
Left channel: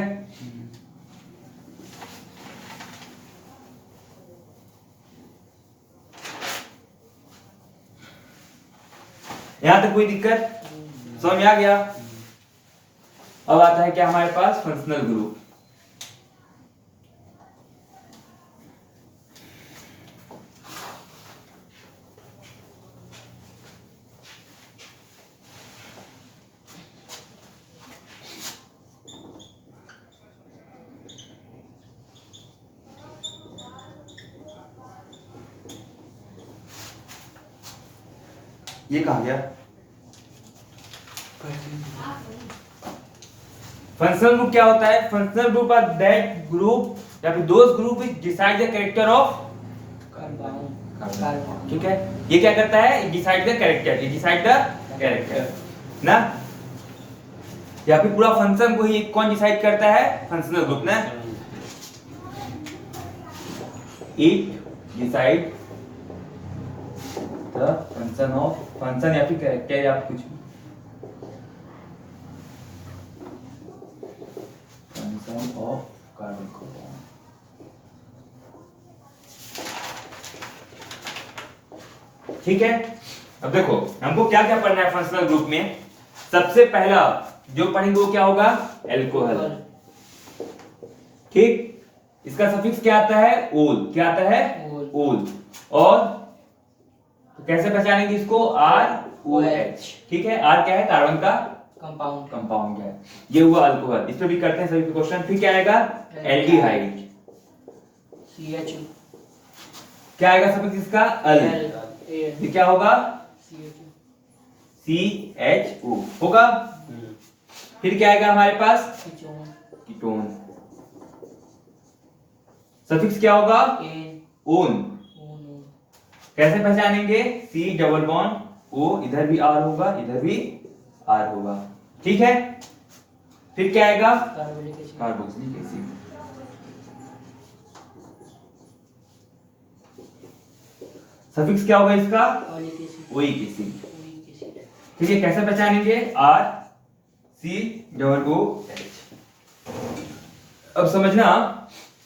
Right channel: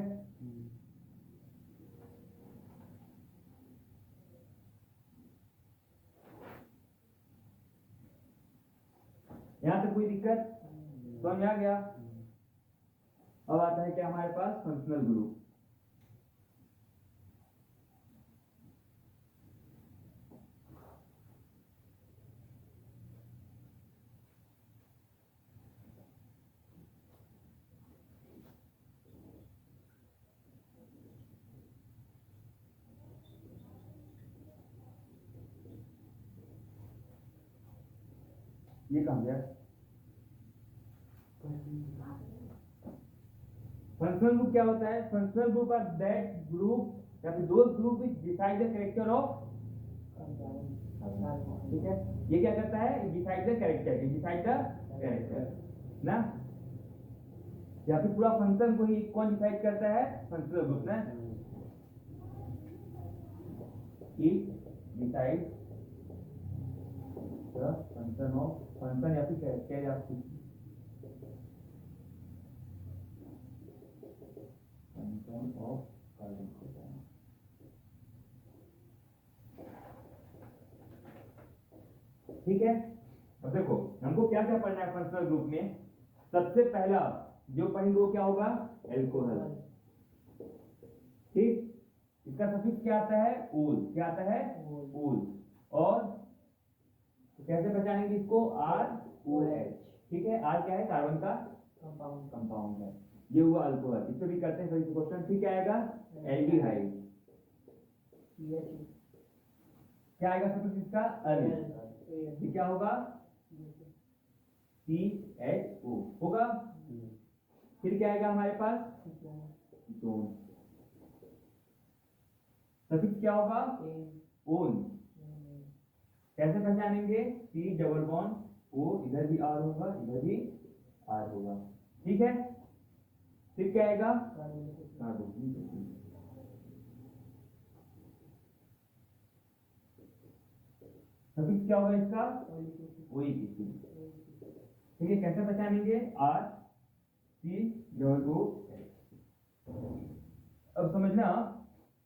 यहां तक कोई दिक्कत? समझ में आ गया? अब आता है क्या हमारे पास? Functional group. ये कहाँ गया? फंक्शनल ग्रुप क्या होता है? Functional group are that group या फिर those group which decide the character of carbon. ठीक है, ये क्या करता है? डिसाइड द कैरेक्टर, ये डिसाइड द कैरेक्टर ना, या फिर पूरा फंक्शन को ही कौन डिसाइड करता है? फंक्शनल ग्रुप ना। It decide the function of, function या फिर कैरेक्टर या कुछ भी, फंक्शन ऑफ कार्बन कंपाउंड। ठीक है, अब देखो हमको क्या क्या पढ़ना है फंक्शनल ग्रुप में। सबसे पहला जो पढ़ेंगे वो क्या होगा? एल्कोहल। ठीक, इसका सफिक्स क्या आता है? ओल। क्या आता है? ओल। और तो कैसे पहचानेंगे इसको? ROH। ठीक है, R क्या है? कार्बन का कंपाउंड है। ये हुआ अल्कोहल, इस पे भी करते हैं सभी क्वेश्चन। फिर क्या आएगा? एल्डिहाइड। CHO। क्या आएगा सफिक्स इसका? अल। ये क्या होगा? CHO होगा। फिर क्या आएगा हमारे पास? कीटोन। सफिक्स क्या होगा? ओन। कैसे पहचानेंगे? C डबल बॉन्ड O, इधर भी R होगा, इधर भी R होगा। ठीक है, फिर क्या आएगा? Carboxylic acid. सफिक्स क्या होगा इसका? Oic acid. ठीक है, कैसे पहचानेंगे? RCOOH। अब समझना,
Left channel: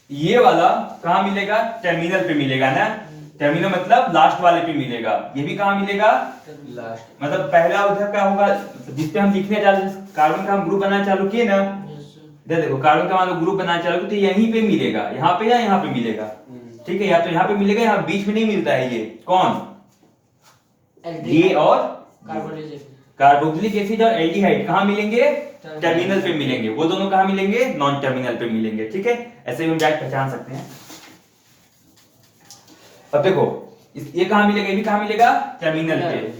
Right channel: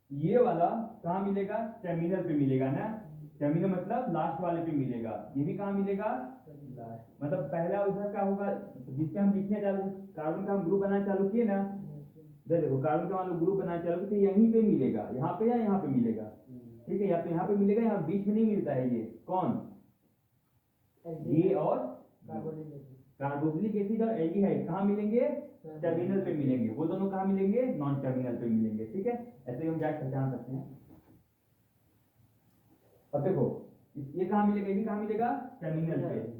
ये वाला कहां मिलेगा? टर्मिनल पे मिलेगा ना। टर्मिनल मतलब लास्ट वाले पे मिलेगा। ये भी कहां मिलेगा? लास्ट। मतलब पहला उधर का होगा जिसपे हम लिखने चालू, कार्बन का हम ग्रुप बनाना चालू किए ना, इधर देखो कार्बन का मान लो ग्रुप बनाना चालू तो यहीं पे मिलेगा, यहाँ पे या यहाँ पे मिलेगा। ठीक है, या तो यहाँ पे मिलेगा, यहाँ बीच में नहीं मिलता है। ये कौन? ये और कार्बोक्सिलिक एसिड और एल्डिहाइड कहाँ मिलेंगे? टर्मिनल पे मिलेंगे। वो दोनों कहाँ मिलेंगे? नॉन टर्मिनल पे मिलेंगे। ठीक है, ऐसे भी हम डायरेक्ट पहचान सकते हैं। अब देखो ये कहाँ मिलेगा? ये भी कहाँ मिलेगा? टर्मिनल पे।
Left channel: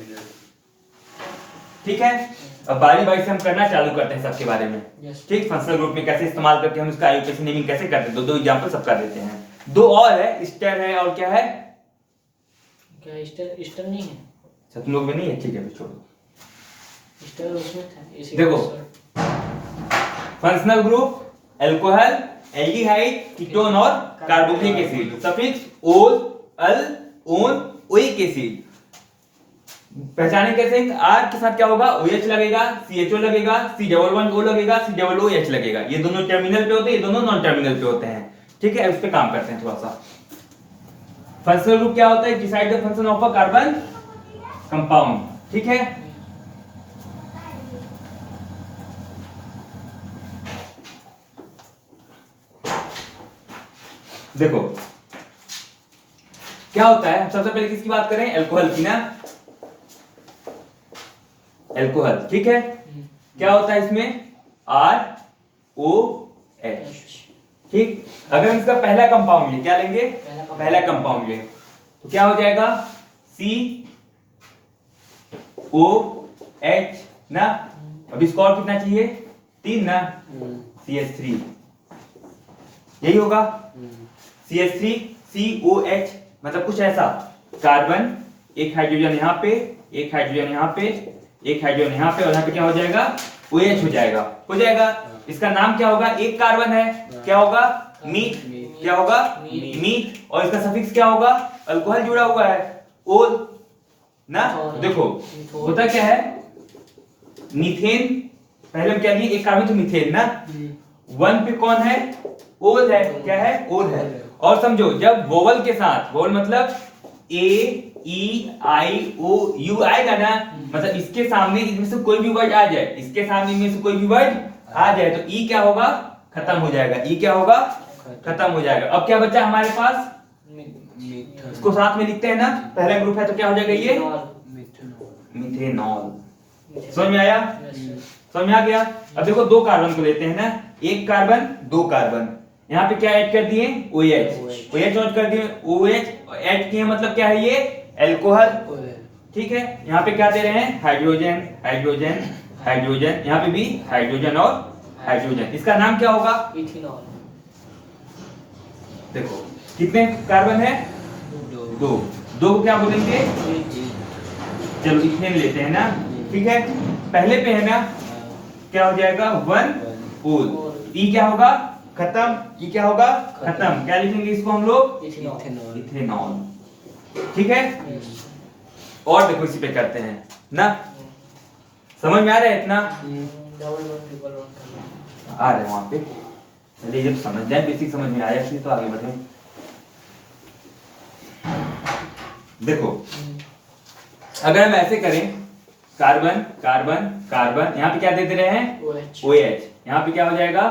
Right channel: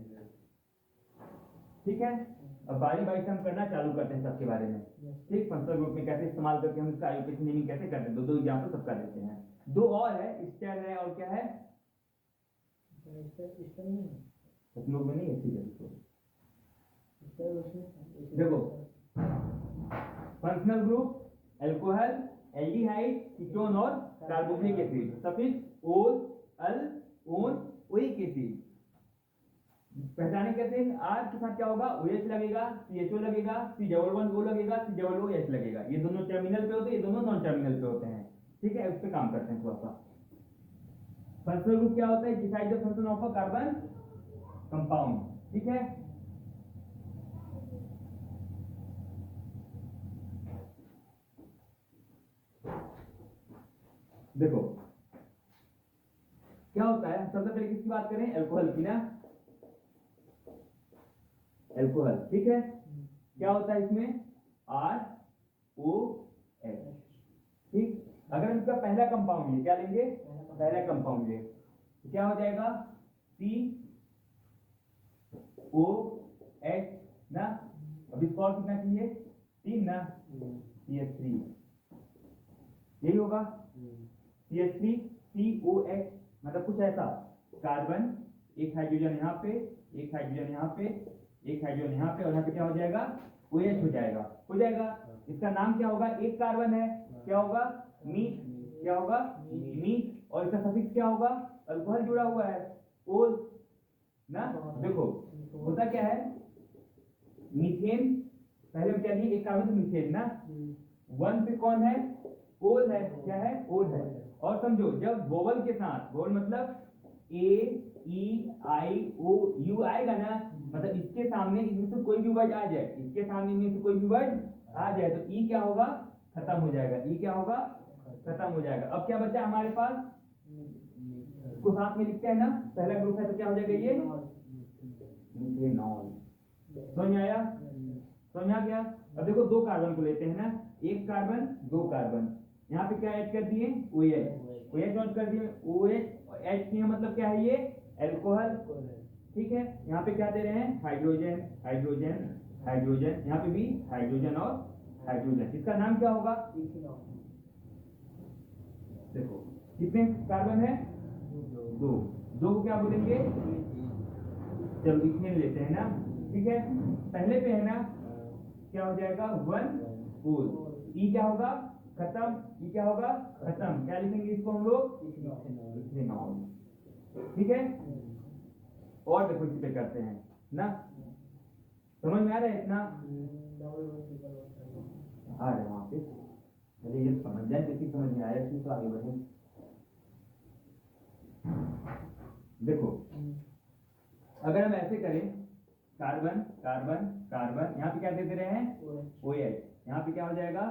ठीक है, अब बारी बारी से हम करना चालू करते हैं सबके बारे में। ठीक, फंक्शनल ग्रुप में कैसे इस्तेमाल करके हम इसका आईयूपीएसी नेमिंग कैसे करते हैं, दो एग्जांपल सबका देते हैं। दो और है, स्टर है और क्या है? क्या स्टर नहीं है? अच्छा, तुम लोग में नहीं है? ठीक है, छोड़ो। स्टर उसमें था। देखो functional group alcohol, aldehyde, ketone और कार्बोक्सिलिक एसिड। सफिक्स ओल, अल, ओन, ओइक एसिड। पहचाने कैसे? R के साथ क्या होगा? OH लगेगा, CHO लगेगा, C डबल वन O लगेगा, C डबल OH लगेगा। ये दोनों टर्मिनल पे होते हैं, ये दोनों नॉन टर्मिनल पे होते हैं। ठीक है, उस पे काम करते हैं थोड़ा सा। फंक्शनल ग्रुप क्या होता है? Decide the function of a carbon compound. ठीक है, देखो क्या होता है। सबसे पहले किसकी बात करें? अल्कोहल की ना। अल्कोहल, ठीक है, क्या होता है इसमें? ROH। ठीक, अगर हम इसका पहला कंपाउंड ले, क्या लेंगे? पहला कंपाउंड ले तो क्या हो जाएगा? COH ना। अब इसको और कितना चाहिए? 3 ना। CH3 यही होगा। CH3 COH मतलब कुछ ऐसा, कार्बन एक हाइड्रोजन यहाँ पे, एक हाइड्रोजन यहाँ पे, एक हाइड्रोजन यहाँ पे, और यहाँ पे क्या हो जाएगा? OH हो जाएगा। हो जाएगा, इसका नाम क्या होगा? एक कार्बन है, क्या होगा? मीथ। क्या होगा? मीथ। और इसका सफिक्स क्या होगा? अल्कोहल जुड़ा हुआ है, ओल ना। देखो होता क्या है, मीथेन पहले हम क्या लिए? एक कार्बन तो मीथेन ना। 1 पे कौन है? ओल है। क्या है? ओल है। और समझो जब वोवल के साथ, वोवल मतलब AEIOU आएगा ना, मतलब इसके सामने इनमें से कोई भी वर्ड आ जाए, इसके सामने इनमें से कोई भी वर्ड आ जाए तो ई क्या होगा? खत्म हो जाएगा। ई क्या होगा? खत्म हो जाएगा। अब क्या बचा हमारे पास? इसको साथ में लिखते हैं ना, पहला ग्रुप है तो क्या हो जाएगा? ये मिथेनॉल। समझ में आया? समझ में आ गया? अब देखो दो कार्बन को लेते हैं ना, एक कार्बन दो कार्बन, यहाँ पे क्या ऐड कर दिए? OH। OH ऐड कर दिए, OH ऐड किए मतलब क्या है? ये अल्कोहल ठीक है, यहाँ पे क्या दे रहे हैं, हाइड्रोजन हाइड्रोजन हाइड्रोजन, यहाँ पे भी हाइड्रोजन और हाइड्रोजन। इसका नाम क्या होगा, इथेनॉल। देखो कितने कार्बन है, दो, दो को क्या बोलेंगे, चलो इथेन लेते हैं ना, ठीक है, पहले पे है ना, क्या हो जाएगा, वन ओल, ई क्या होगा, खत्म, ई क्या होगा, खत्म, क्या लिखेंगे इसको हम लोग, इथेनॉल। इथेनॉल, ठीक है। और देखो इसी पे करते हैं ना, समझ में आ रहा है इतना, डबल वन ट्रिपल वन करना। आ रहा है वहां पे, चलिए जब समझ जाए, बेसिक समझ में आया फिर तो आगे बढ़े। देखो अगर हम ऐसे करें, कार्बन कार्बन कार्बन, यहाँ पे क्या दे दे रहे हैं, OH। OH, यहाँ पे क्या हो जाएगा,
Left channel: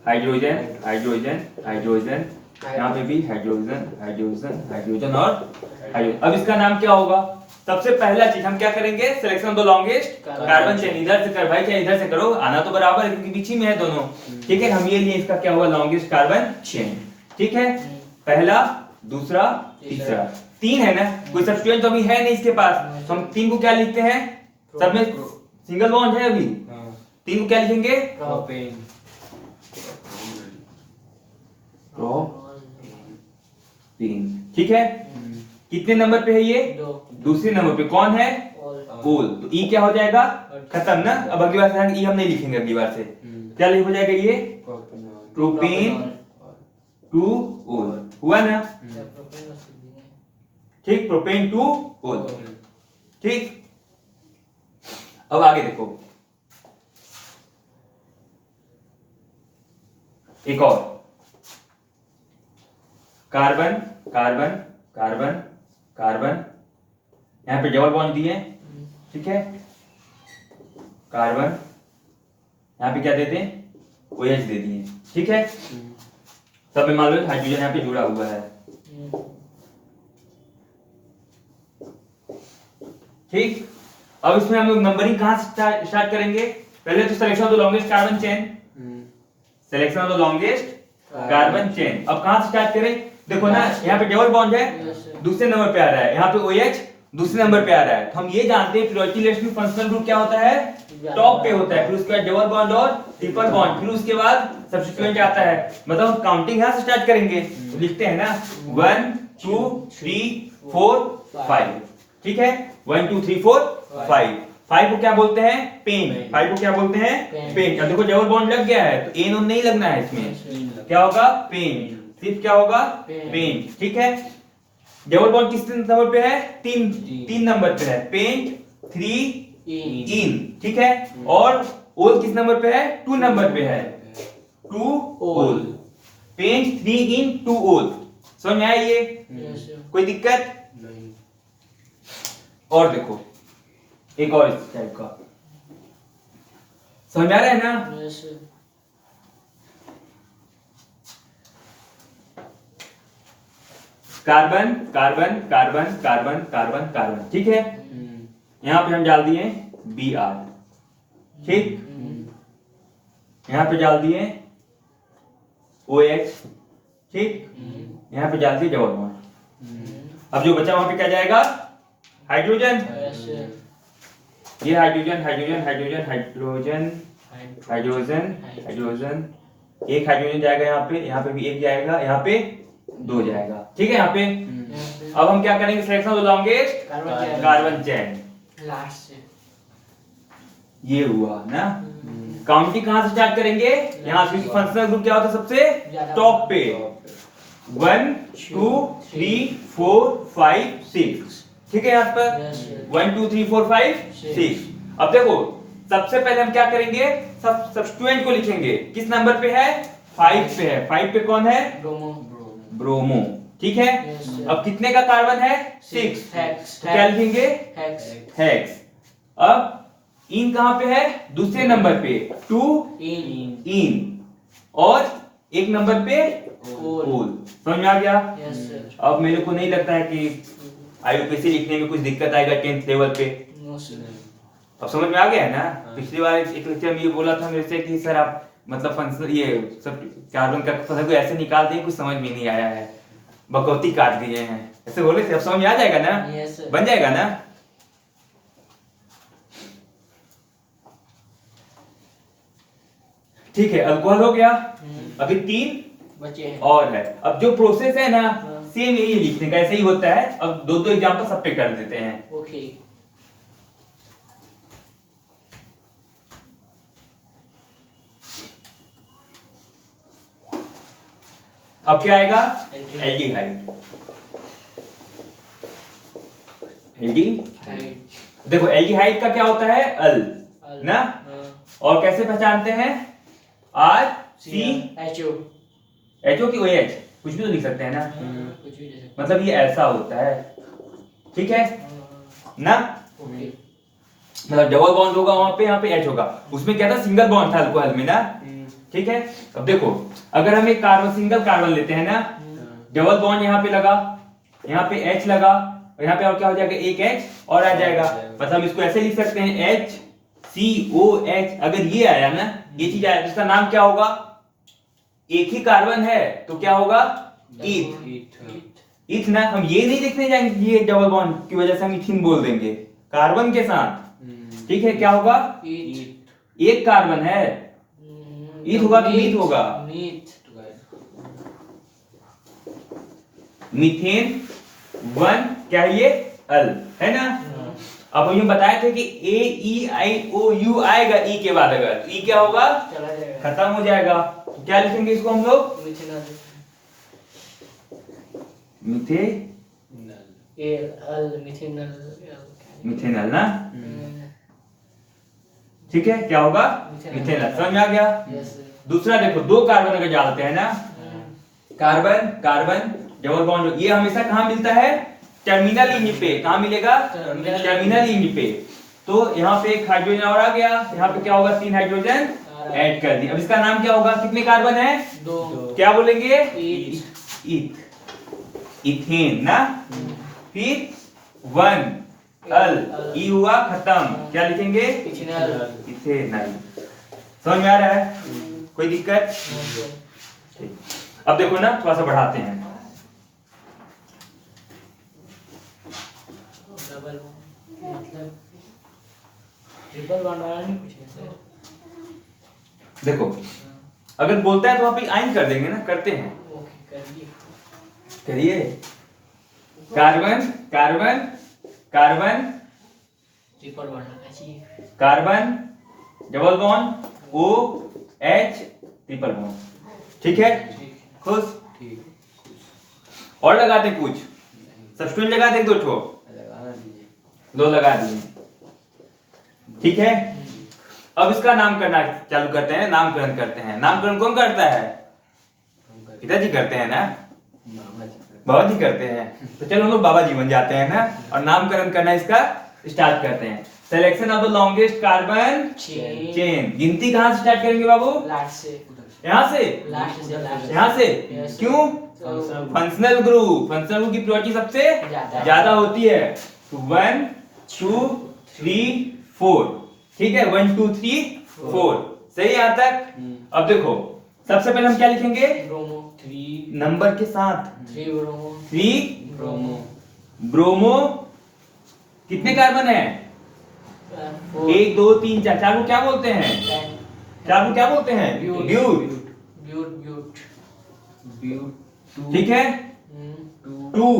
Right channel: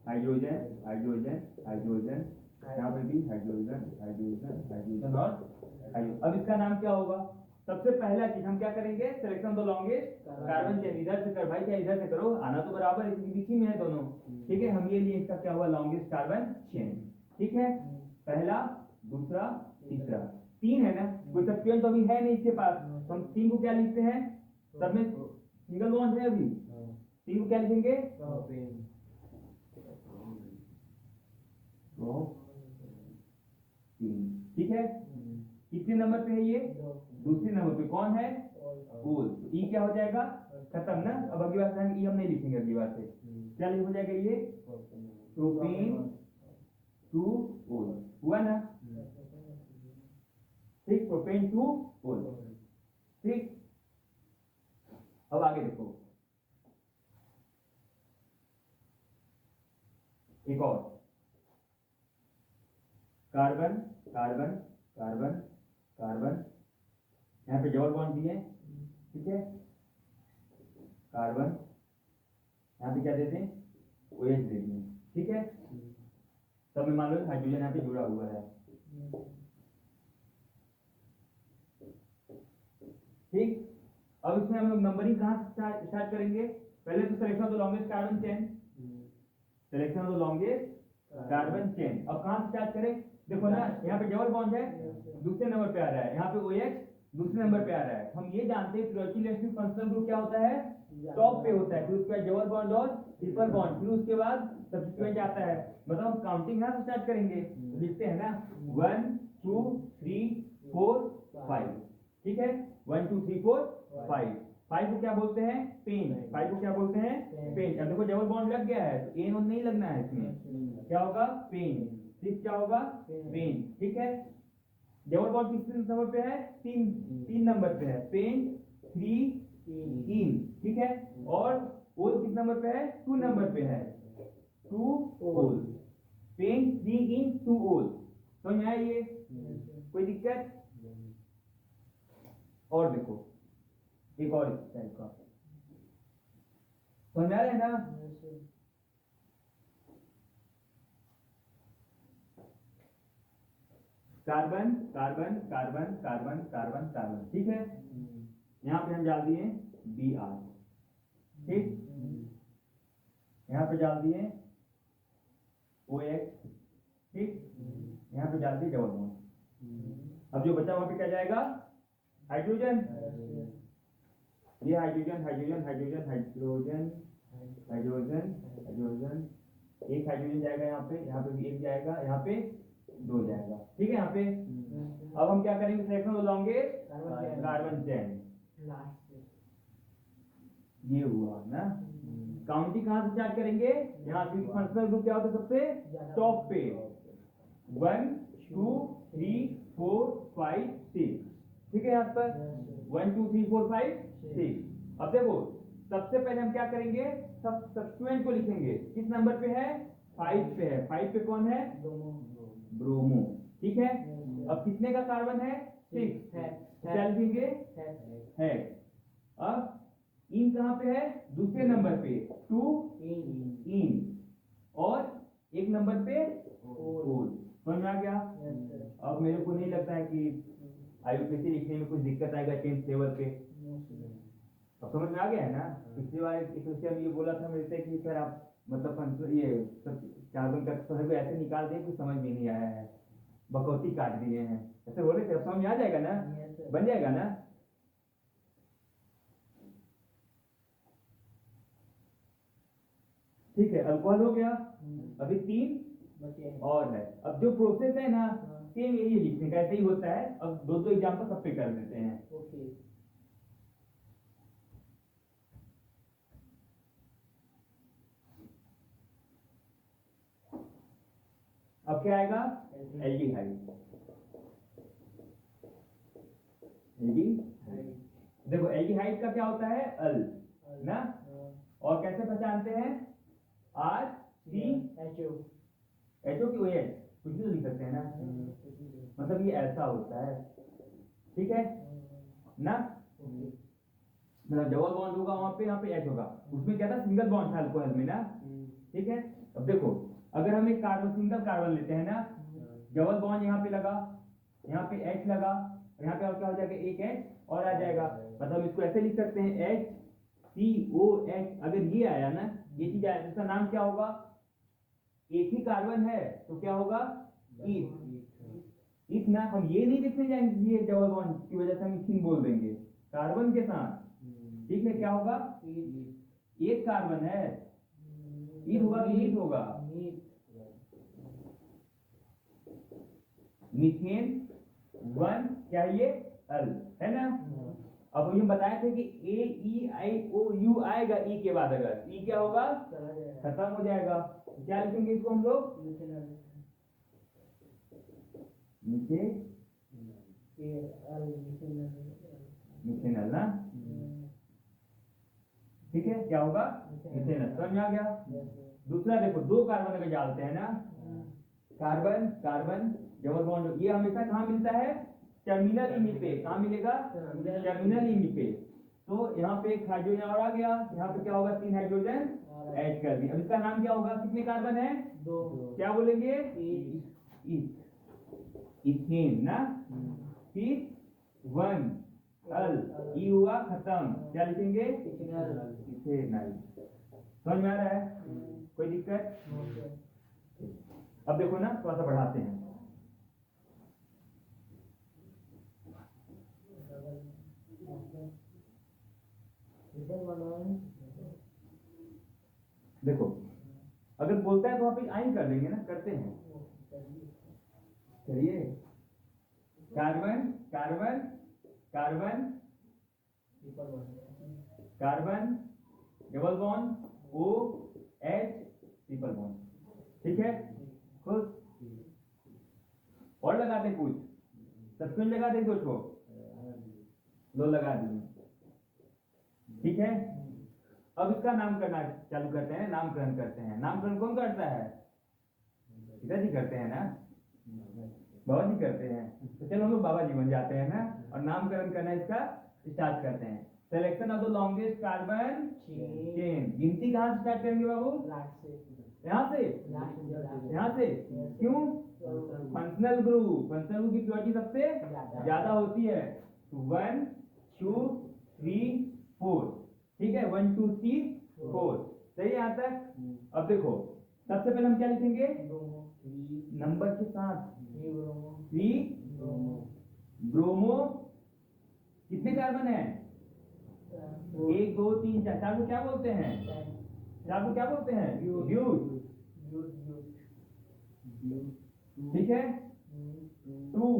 हाइड्रोजन हाइड्रोजन हाइड्रोजन, यहाँ पे भी हाइड्रोजन हाइड्रोजन हाइड्रोजन और हाइड्रोजन। अब इसका नाम क्या होगा, सबसे पहला चीज हम क्या करेंगे, selection of the longest carbon chain, इधर से कर भाई, चाहे इधर से करो, आना तो बराबर है क्योंकि बीच ही में है दोनों, ठीक है। हम ये लिए इसका क्या हुआ, लॉन्गेस्ट कार्बन चेन, ठीक है, पहला दूसरा तीसरा, तीन है ना, कोई सब्स्टिट्यूएंट तो अभी है नहीं इसके पास, तो हम तीन को क्या लिखते हैं, सब में सिंगल बॉन्ड है अभी, तीन को क्या लिखेंगे, प्रोपेन। तीन, ठीक है। कितने नंबर पे है ये, दो। दूसरे नंबर पे कौन है, ओल, तो ई क्या हो जाएगा, खत्म ना। अब अगली बार से ई हम नहीं लिखेंगे, अगली बार से क्या लिख हो जाएगा ये, प्रोपेन टू ओल, हुआ ना, ठीक, प्रोपेन टू ओल, ठीक। अब आगे देखो, एक और, कार्बन कार्बन कार्बन कार्बन, यहां पे डबल बॉन्ड दिए, ठीक है, कार्बन, यहां पे क्या देते हैं, OH दे दिए, ठीक है। सब में मान लो हाइड्रोजन यहाँ पे जुड़ा हुआ है, ठीक। अब इसमें हम लोग नंबरिंग कहां से स्टार्ट करेंगे, पहले तो selection of the longest carbon chain, selection of the longest carbon chain. अब कहां से स्टार्ट करें, देखो ना यहाँ पे डबल बॉन्ड है, दूसरे नंबर पे आ रहा है, यहाँ पे OH दूसरे नंबर पे आ रहा है, तो हम ये जानते हैं प्रियोरिटी लिस्ट में फंक्शनल ग्रुप क्या होता है, टॉप पे होता है, फिर उसके बाद डबल बॉन्ड और ट्रिपल बॉन्ड, फिर उसके बाद सब्स्टिट्यूएंट आता है, मतलब हम काउंटिंग यहां से स्टार्ट करेंगे, तो लिखते हैं ना 1 2 3 4 5, ठीक है, 1 2 3 4 5, 5 को क्या बोलते हैं, पेन, 5 को क्या बोलते हैं, पेन। अब देखो डबल बॉन्ड लग गया है तो एन नहीं लगना है इसमें, क्या होगा, पेन, सिर्फ क्या होगा, पेन, ठीक है। डबल बॉन्ड किस नंबर पे है, तीन नंबर पे है, पेंट 3 इन, ठीक है, और ओल किस नंबर पे है, 2 नंबर पे है, 2 ओल, पेंट 3 इन 2 ओल, समझ में आया ये, कोई दिक्कत नहीं। और देखो एक और इस टाइप का, समझ आ रहा है ना, carbon carbon carbon carbon carbon carbon, ठीक है, यहां पे हम डाल दिए Br, ठीक, यहां पे डाल दिए OH, ठीक, यहां पे डाल दिए डबल बॉन्ड। अब जो बचा वहां पे क्या जाएगा, हाइड्रोजन, ये hydrogen hydrogen hydrogen hydrogen hydrogen hydrogen, एक हाइड्रोजन जाएगा यहाँ पे भी एक जाएगा, यहाँ पे 2 जाएगा, ठीक है, यहाँ पे। अब हम क्या करेंगे, selection of the longest carbon chain, last से ये हुआ ना। काउंटिंग कहां से स्टार्ट करेंगे, यहाँ से, फंक्शनल ग्रुप क्या होता है सबसे टॉप पे, 1 2 3 4 5 6, ठीक है, यहाँ पर 1 2 3 4 5 6। अब देखो सबसे पहले हम क्या करेंगे, सब सब्स्टिट्यूएंट को लिखेंगे, किस नंबर पे है, 5 पे है, 5 पे कौन है, ब्रोमो, ठीक है। अब कितने का कार्बन है, 6, तो क्या लिखेंगे, हेक्स। अब इन कहां पे है, दूसरे नंबर पे, 2 इन, और एक नंबर पे ओल, समझ में आ गया। अब मेरे को नहीं लगता है कि IUPAC लिखने में कुछ दिक्कत आएगा 10th लेवल पे, अब समझ में आ गया है ना। पिछली बार एक लेक्चर में ये बोला था मेरे से कि सर आप मतलब फंक्शन ये सब कार्बन का फसल को ऐसे निकाल दिए, कुछ समझ में नहीं आया है, बकौती काट दिए हैं, ऐसे बोले थे। अब समझ में आ जाएगा ना, बन जाएगा ना। ठीक है, अल्कोहल हो गया। अभी 3 बचे हैं। और है। अब जो प्रोसेस है ना, हाँ। सेम यही लिखने का, ऐसे ही होता है। अब 2 एग्जांपल सब पे कर देते हैं। ओके। अब क्या आएगा? एल्डिहाइड। एल्डिहाइड। एल्डिहाइड। देखो एल्डिहाइड का क्या होता है? अल ना। और कैसे पहचानते हैं? R C HO. एचओ की OH, कुछ भी तो लिख सकते हैं ना। कुछ भी दे सकते मतलब ये ऐसा होता है, ठीक है ना। ओके। मतलब डबल बॉन्ड होगा वहां पे, यहाँ पे H होगा। उसमें क्या था? सिंगल बॉन्ड था अल्कोहल में ना, ठीक है। अब देखो, अगर हम एक कार्बन, सिंगल कार्बन लेते हैं ना, डबल बॉन्ड यहाँ पे लगा, यहाँ पे H लगा, और यहाँ पे और क्या हो जाएगा? एक H और आ जाएगा। मतलब इसको ऐसे लिख सकते हैं HCOH। अगर ये आया ना, ये चीज आया, इसका नाम क्या होगा? एक ही कार्बन है तो क्या होगा? ईथ। ईथ ना। हम ये नहीं लिखने जाएंगे ये डबल बॉन्ड की वजह से हम इथिन बोल देंगे कार्बन के साथ, ठीक है। क्या होगा? एक कार्बन है, ईथ होगा कि मीथ होगा? मीथेन 1 क्या है? ये अल है ना। अब हम बताए थे कि AEIOU आएगा ई के बाद, अगर ई क्या होगा? चला जाएगा, खत्म हो जाएगा। तो क्या लिखेंगे इसको हम लोग? मिथेनॉल। मिथे ये अल मिथेनॉल। मिथेनॉल ना, ठीक है। क्या होगा? मिथेनॉल। समझ में आ गया? दूसरा देखो, 2 कार्बन अगर डालते हैं ना, कार्बन कार्बन डबल बॉन्ड, ये हमेशा कहां मिलता है? टर्मिनल इंज पे। कहां मिलेगा? टर्मिनल इंज पे। तो यहाँ पे एक हाइड्रोजन और आ गया, यहाँ पे क्या होगा? 3 हाइड्रोजन ऐड कर दिए। अब इसका नाम क्या होगा? कितने कार्बन है? 2। क्या बोलेंगे? ईथ। ईथ, इथेन ना। फिर 1 अल, ई हुआ खत्म। क्या लिखेंगे? इथेनॉल। इथेनॉल। समझ में आ रहा है? कोई दिक्कत? ठीक। अब देखो ना, थोड़ा सा बढ़ाते हैं। डबल मतलब ट्रिपल बॉन्ड वाला नहीं पूछे। देखो, अगर बोलता है तो वहां पे आइन कर देंगे ना, करते हैं। ओके, करिए। करिए। Carbon carbon carbon triple bond आना चाहिए। Carbon double bond OH triple bond, ठीक है। खुश? और लगाते कुछ सब्स्टिट्यूएंट लगा दे 2 ठो, 2 लगा दिए, ठीक है। अब इसका नाम करना चालू करते हैं, नामकरण करते हैं। नामकरण कौन करता है? पिताजी करते हैं ना, बाबा जी करते हैं। तो चलो हम लोग बाबा जी बन जाते हैं ना, और नामकरण करना इसका स्टार्ट करते हैं। Selection of the longest carbon chain. गिनती कहां से स्टार्ट करेंगे बाबू? लास्ट से। यहाँ से? लास्ट से, लास्ट यहाँ से? Yes. क्यों? फंक्शनल ग्रुप, फंक्शनल ग्रुप की प्रोबेबिलिटी सबसे ज्यादा होती है। तो 1 2 3 4, ठीक है। 1 2 3 4, सही है यहाँ तक? अब देखो, सबसे पहले हम क्या लिखेंगे? ब्रोमो। 3 नंबर के साथ। 3 ब्रोमो। 3 ब्रोमो। ब्रोमो। कितने कार्बन है? 1 2 3 4। 4 को क्या बोलते हैं? 4 को क्या बोलते हैं? ब्यूट। ब्यूट, ब्यूट। ब्यूट। ब्यूट, ठीक है। 2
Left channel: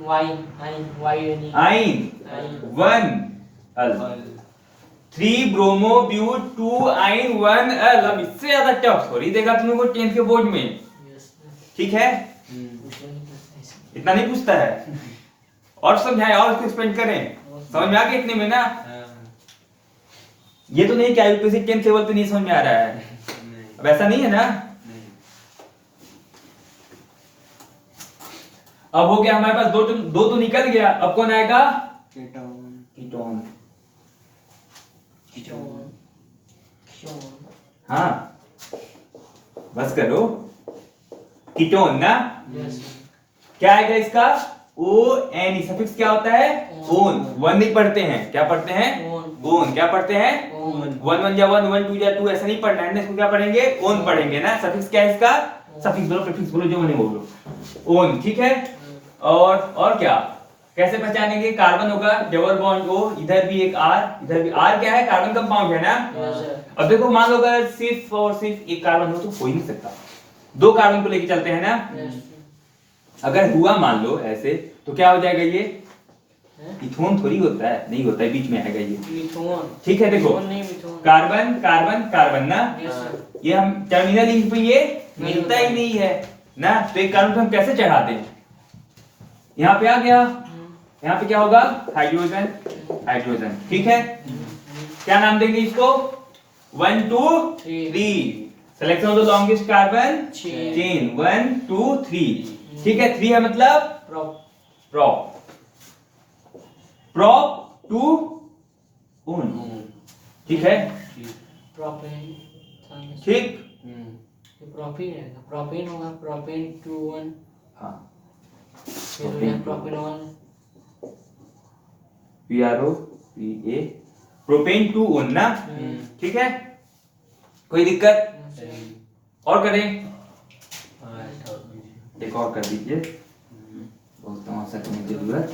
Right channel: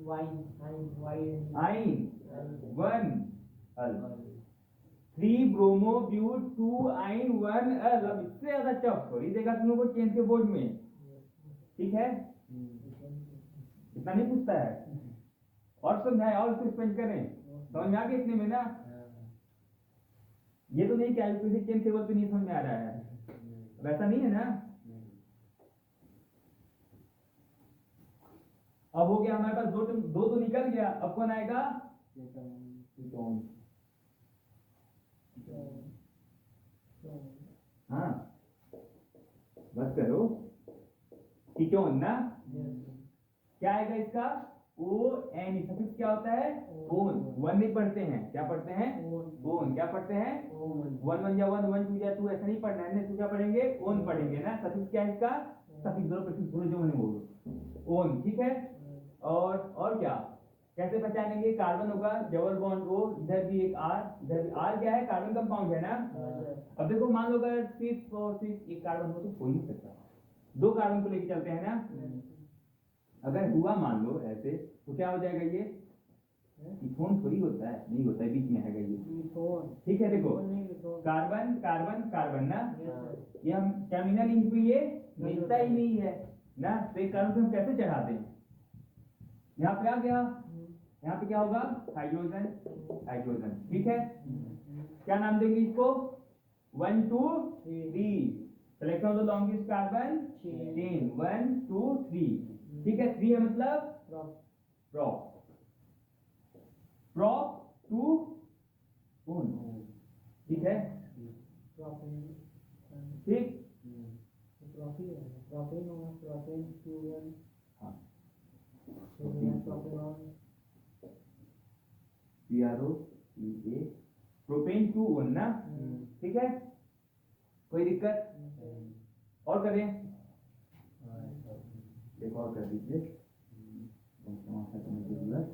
वाइन। वाइन। आइन, 1 अल। 3 ब्रोमो ब्यूट 2 आइन 1 अल। अब इससे ज्यादा टफ सॉरी देगा तुम लोगों को 10th के बोर्ड में, ठीक है। इतना नहीं पूछता है। और समझाए और इसको एक्सप्लेन करें, समझ में आ गया इतने में ना? ये तो नहीं क्या यूपीएससी 10th लेवल पे नहीं समझ में आ रहा है, अब ऐसा नहीं है ना। अब हो गया हमारे पास 2 तो निकल गया। अब कौन आएगा? कीटोन। हाँ, बस करो। कीटोन ना। क्या आएगा इसका? ON। सफिक्स क्या होता है? ओन। 1 नहीं पढ़ते हैं, क्या पढ़ते हैं? ओन। क्या पढ़ते हैं? 1 1 जा 1 1 2 जा 2, ऐसा नहीं पढ़ना है। इसको क्या पढ़ेंगे? ओन पढ़ेंगे ना। सफिक्स क्या है इसका? सफिक्स बोलो, प्रीफिक्स बोलो, जो नहीं बोलो, ओन, ठीक है। और क्या कैसे पहचानेंगे? कार्बन होगा डबल बॉन्ड O, इधर भी एक R, इधर भी R क्या है? कार्बन कंपाउंड है ना। अब देखो मान लो अगर सिर्फ और सिर्फ एक कार्बन हो तो हो ही नहीं सकता, दो कार्बन को लेके चलते हैं ना। अगर हुआ मान लो ऐसे तो क्या हो जाएगा, ये इथोन थोड़ी होता है, नहीं होता है, बीच में आएगा ये मिथोन। ठीक है। देखो मिथोन नहीं, मिथोन। कार्बन कार्बन कार्बन ना, Yes, sir। ये हम टर्मिनल लिंक पे ये नहीं मिलता होता। ही नहीं है ना, तो एक कार्बन पे हम कैसे चढ़ाते हैं, यहाँ पे आ गया, यहाँ पे क्या होगा, हाइड्रोजन हाइड्रोजन, ठीक है। क्या नाम देंगे इसको, 1 2 3, selection of the longest carbon chain 1 2 3, ठीक है। 3 है मतलब प्रोप, प्रोप टू उन, ठीक है, प्रोपेन। ठीक। प्रोपेन रहेगा, प्रोपेन होगा, प्रोपेन 2 1। हाँ फिर हो गया प्रोपेनॉल। PRO PA, प्रोपेन 2 उन ना, ठीक है। कोई दिक्कत और करें, एक और कर दीजिए, बहुत तमाशा करने की जरूरत।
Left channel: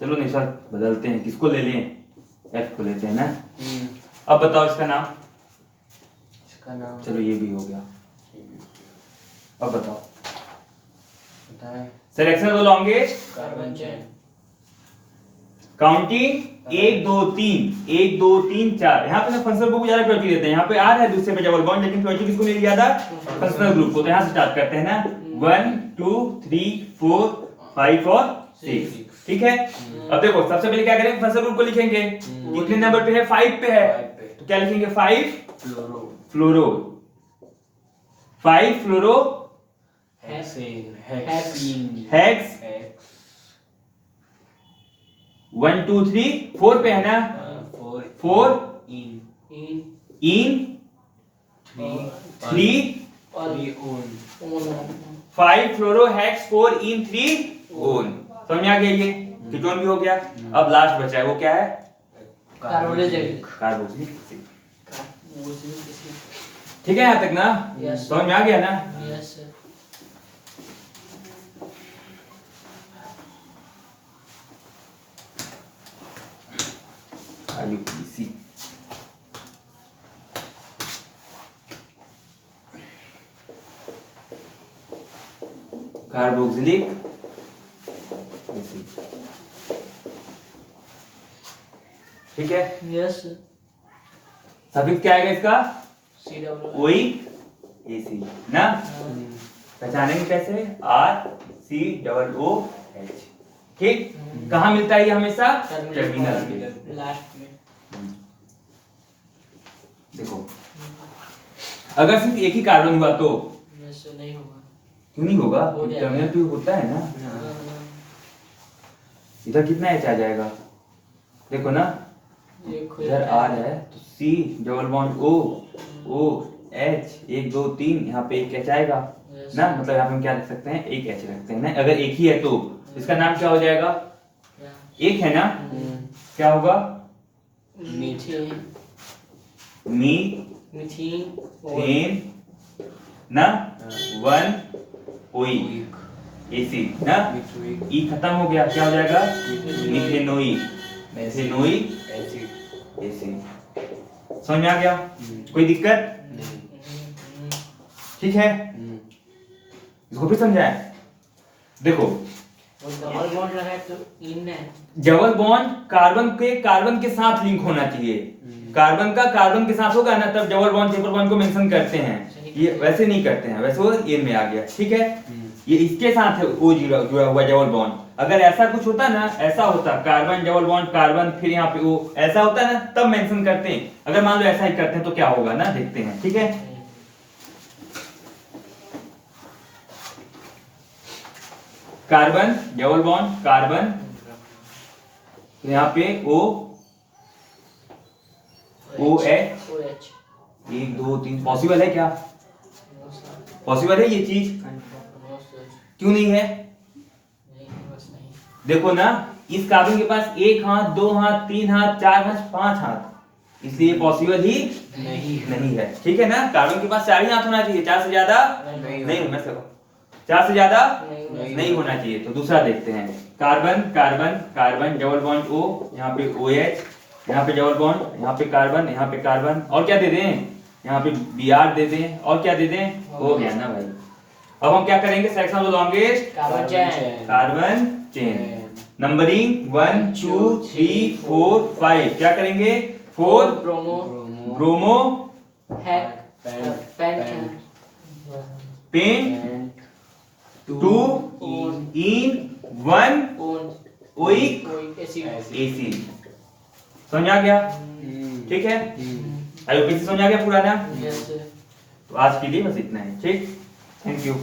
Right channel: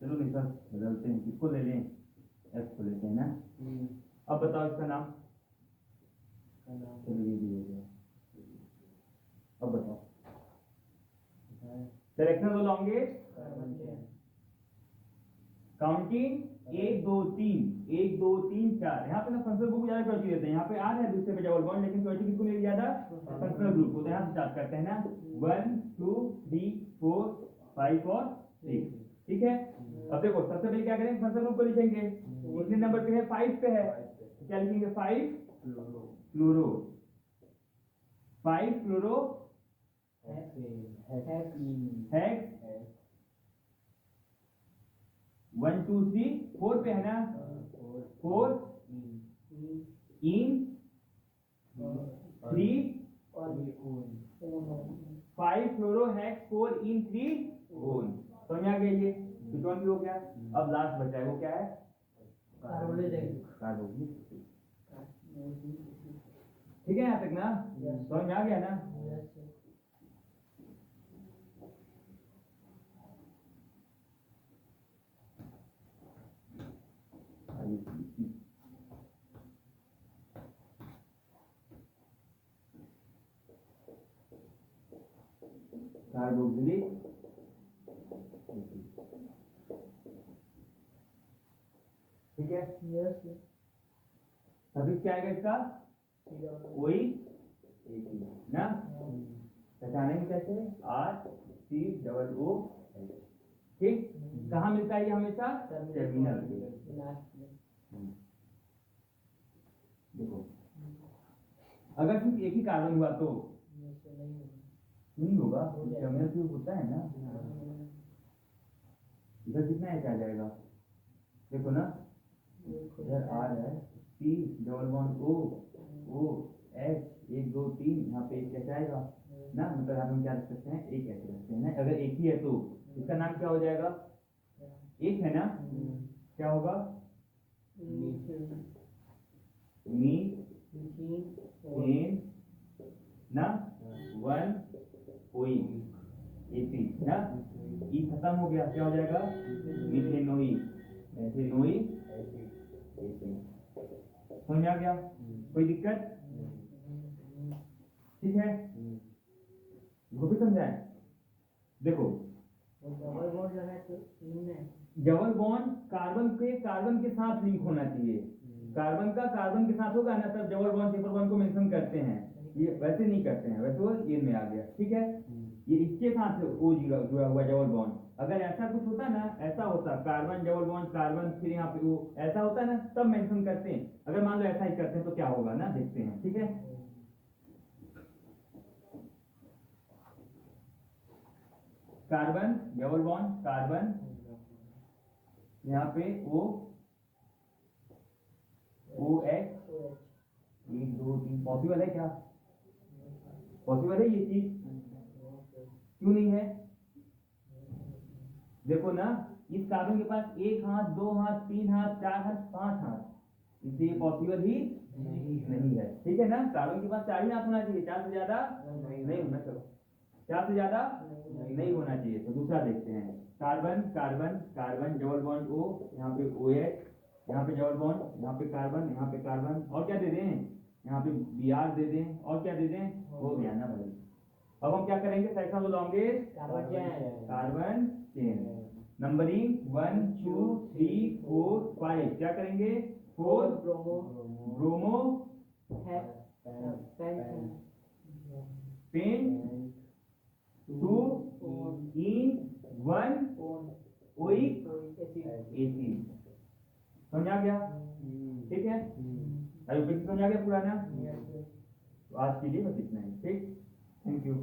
चलो निशा बदलते हैं, किसको ले लें, F को लेते हैं ना। अब बताओ इसका नाम, चलो ये भी हो गया। अब बताओ selection of the longest carbon chain. Counting 1 2 3 1 2 3 4। यहाँ पे ना फंक्शनल ग्रुप को ज्यादा प्रायोरिटी देते हैं, यहाँ पे आ रहा है दूसरे पे डबल बॉन्ड, लेकिन प्रायोरिटी किसको मिली ज्यादा, फंक्शनल ग्रुप को। तो यहाँ से स्टार्ट करते हैं ना, 1 2 3 4 5 और 6, ठीक है। अब देखो सबसे पहले क्या करेंगे, फंक्शनल ग्रुप को लिखेंगे, कितने नंबर पे है, 5 पे है, तो क्या लिखेंगे, 5 फ्लोरो, 5 फ्लोरो हेक्स 1 2 3 4 पे है ना, 4 इन 3 5 फ्लोरो हेक्स 4 इन 3 ओन। समझ आ गया, ये कीटोन भी हो गया। अब लास्ट बचा है, वो क्या है, कार्बोनिलिक। कार्बोक्सिलिक एसिड, ठीक है यहाँ तक ना, समझ में आ गया ना। Yes sir. IUPAC carboxylic acid, ठीक है। यस सफिक्स क्या आएगा इसका, COO। ओइक एसिड ना, पहचानेंगे कैसे, RCOOH, ठीक। कहाँ मिलता है ये हमेशा, टर्मिनल पे लास्ट में। देखो अगर सिर्फ एक ही कार्बन हुआ तो यस नहीं होगा। क्यों नहीं होगा, हो जाएगा। टर्मिनल पे होता है ना। इधर कितना एच आ जाएगा, देखो ना, इधर R है तो C double bond O H 1 2 3, यहाँ पे एक एच आएगा ना, मतलब यहाँ पे हम क्या रख सकते हैं, एक एच रखते हैं ना। अगर एक ही है तो इसका नाम क्या हो जाएगा, एक है ना, क्या होगा, मीथेन मीथेन ना, 1 ओइक एसिड ना, ई खत्म हो गया, क्या हो जाएगा, मिथेनोइक एसिड। समझ में आ गया, कोई दिक्कत, ठीक है। इसको भी समझाए, देखो डबल बॉन्ड लगा है तो इन है। डबल बॉन्ड कार्बन के साथ लिंक होना चाहिए, कार्बन का कार्बन के साथ होगा ना, तब डबल बॉन्ड ट्रिपल बॉन्ड को मेंशन करते हैं, ये वैसे नहीं करते हैं, वैसे वो ये में आ गया, ठीक है। ये इसके साथ है O जुड़ा हुआ डबल बॉन्ड, अगर ऐसा कुछ होता ना, ऐसा होता कार्बन डबल बॉन्ड कार्बन फिर यहाँ पे O, ऐसा होता ना तब मेंशन करते हैं। अगर मान लो ऐसा ही करते हैं तो क्या होगा ना, देखते हैं, ठीक है। कार्बन डबल बॉन्ड कार्बन, यहाँ पे OH 1 2 3, पॉसिबल है क्या, पॉसिबल है ये चीज, क्यों नहीं है, देखो ना, इस कार्बन के पास 1 हाथ 2 हाथ 3 हाथ 4 हाथ 5 हाथ, इसलिए पॉसिबल ही नहीं है। ठीक है ना, कार्बन के पास 4 ही हाथ होना चाहिए, 4 से ज्यादा नहीं होना चाहिए, 4 से ज्यादा नहीं होना चाहिए। तो दूसरा देखते हैं, carbon carbon carbon double bond O, यहाँ पे OH, यहाँ पे डबल बॉन्ड, यहाँ पे कार्बन, यहाँ पे कार्बन, और क्या दे दें, यहाँ पे Br दे दें, और क्या दे दें, हो गया ना भाई। अब हम क्या करेंगे, selection of the longest carbon chain, numbering 1 2 3 4 5, क्या करेंगे, 4 ब्रोमो ब्रोमो पेंट पेंट 2 इन 1 ओइक एसिड। समझ आ गया? ठीक है, आईयूपीएसी समझ आ गया पूरा ना? तो आज के लिए बस इतना ही। ठीक, थैंक यू।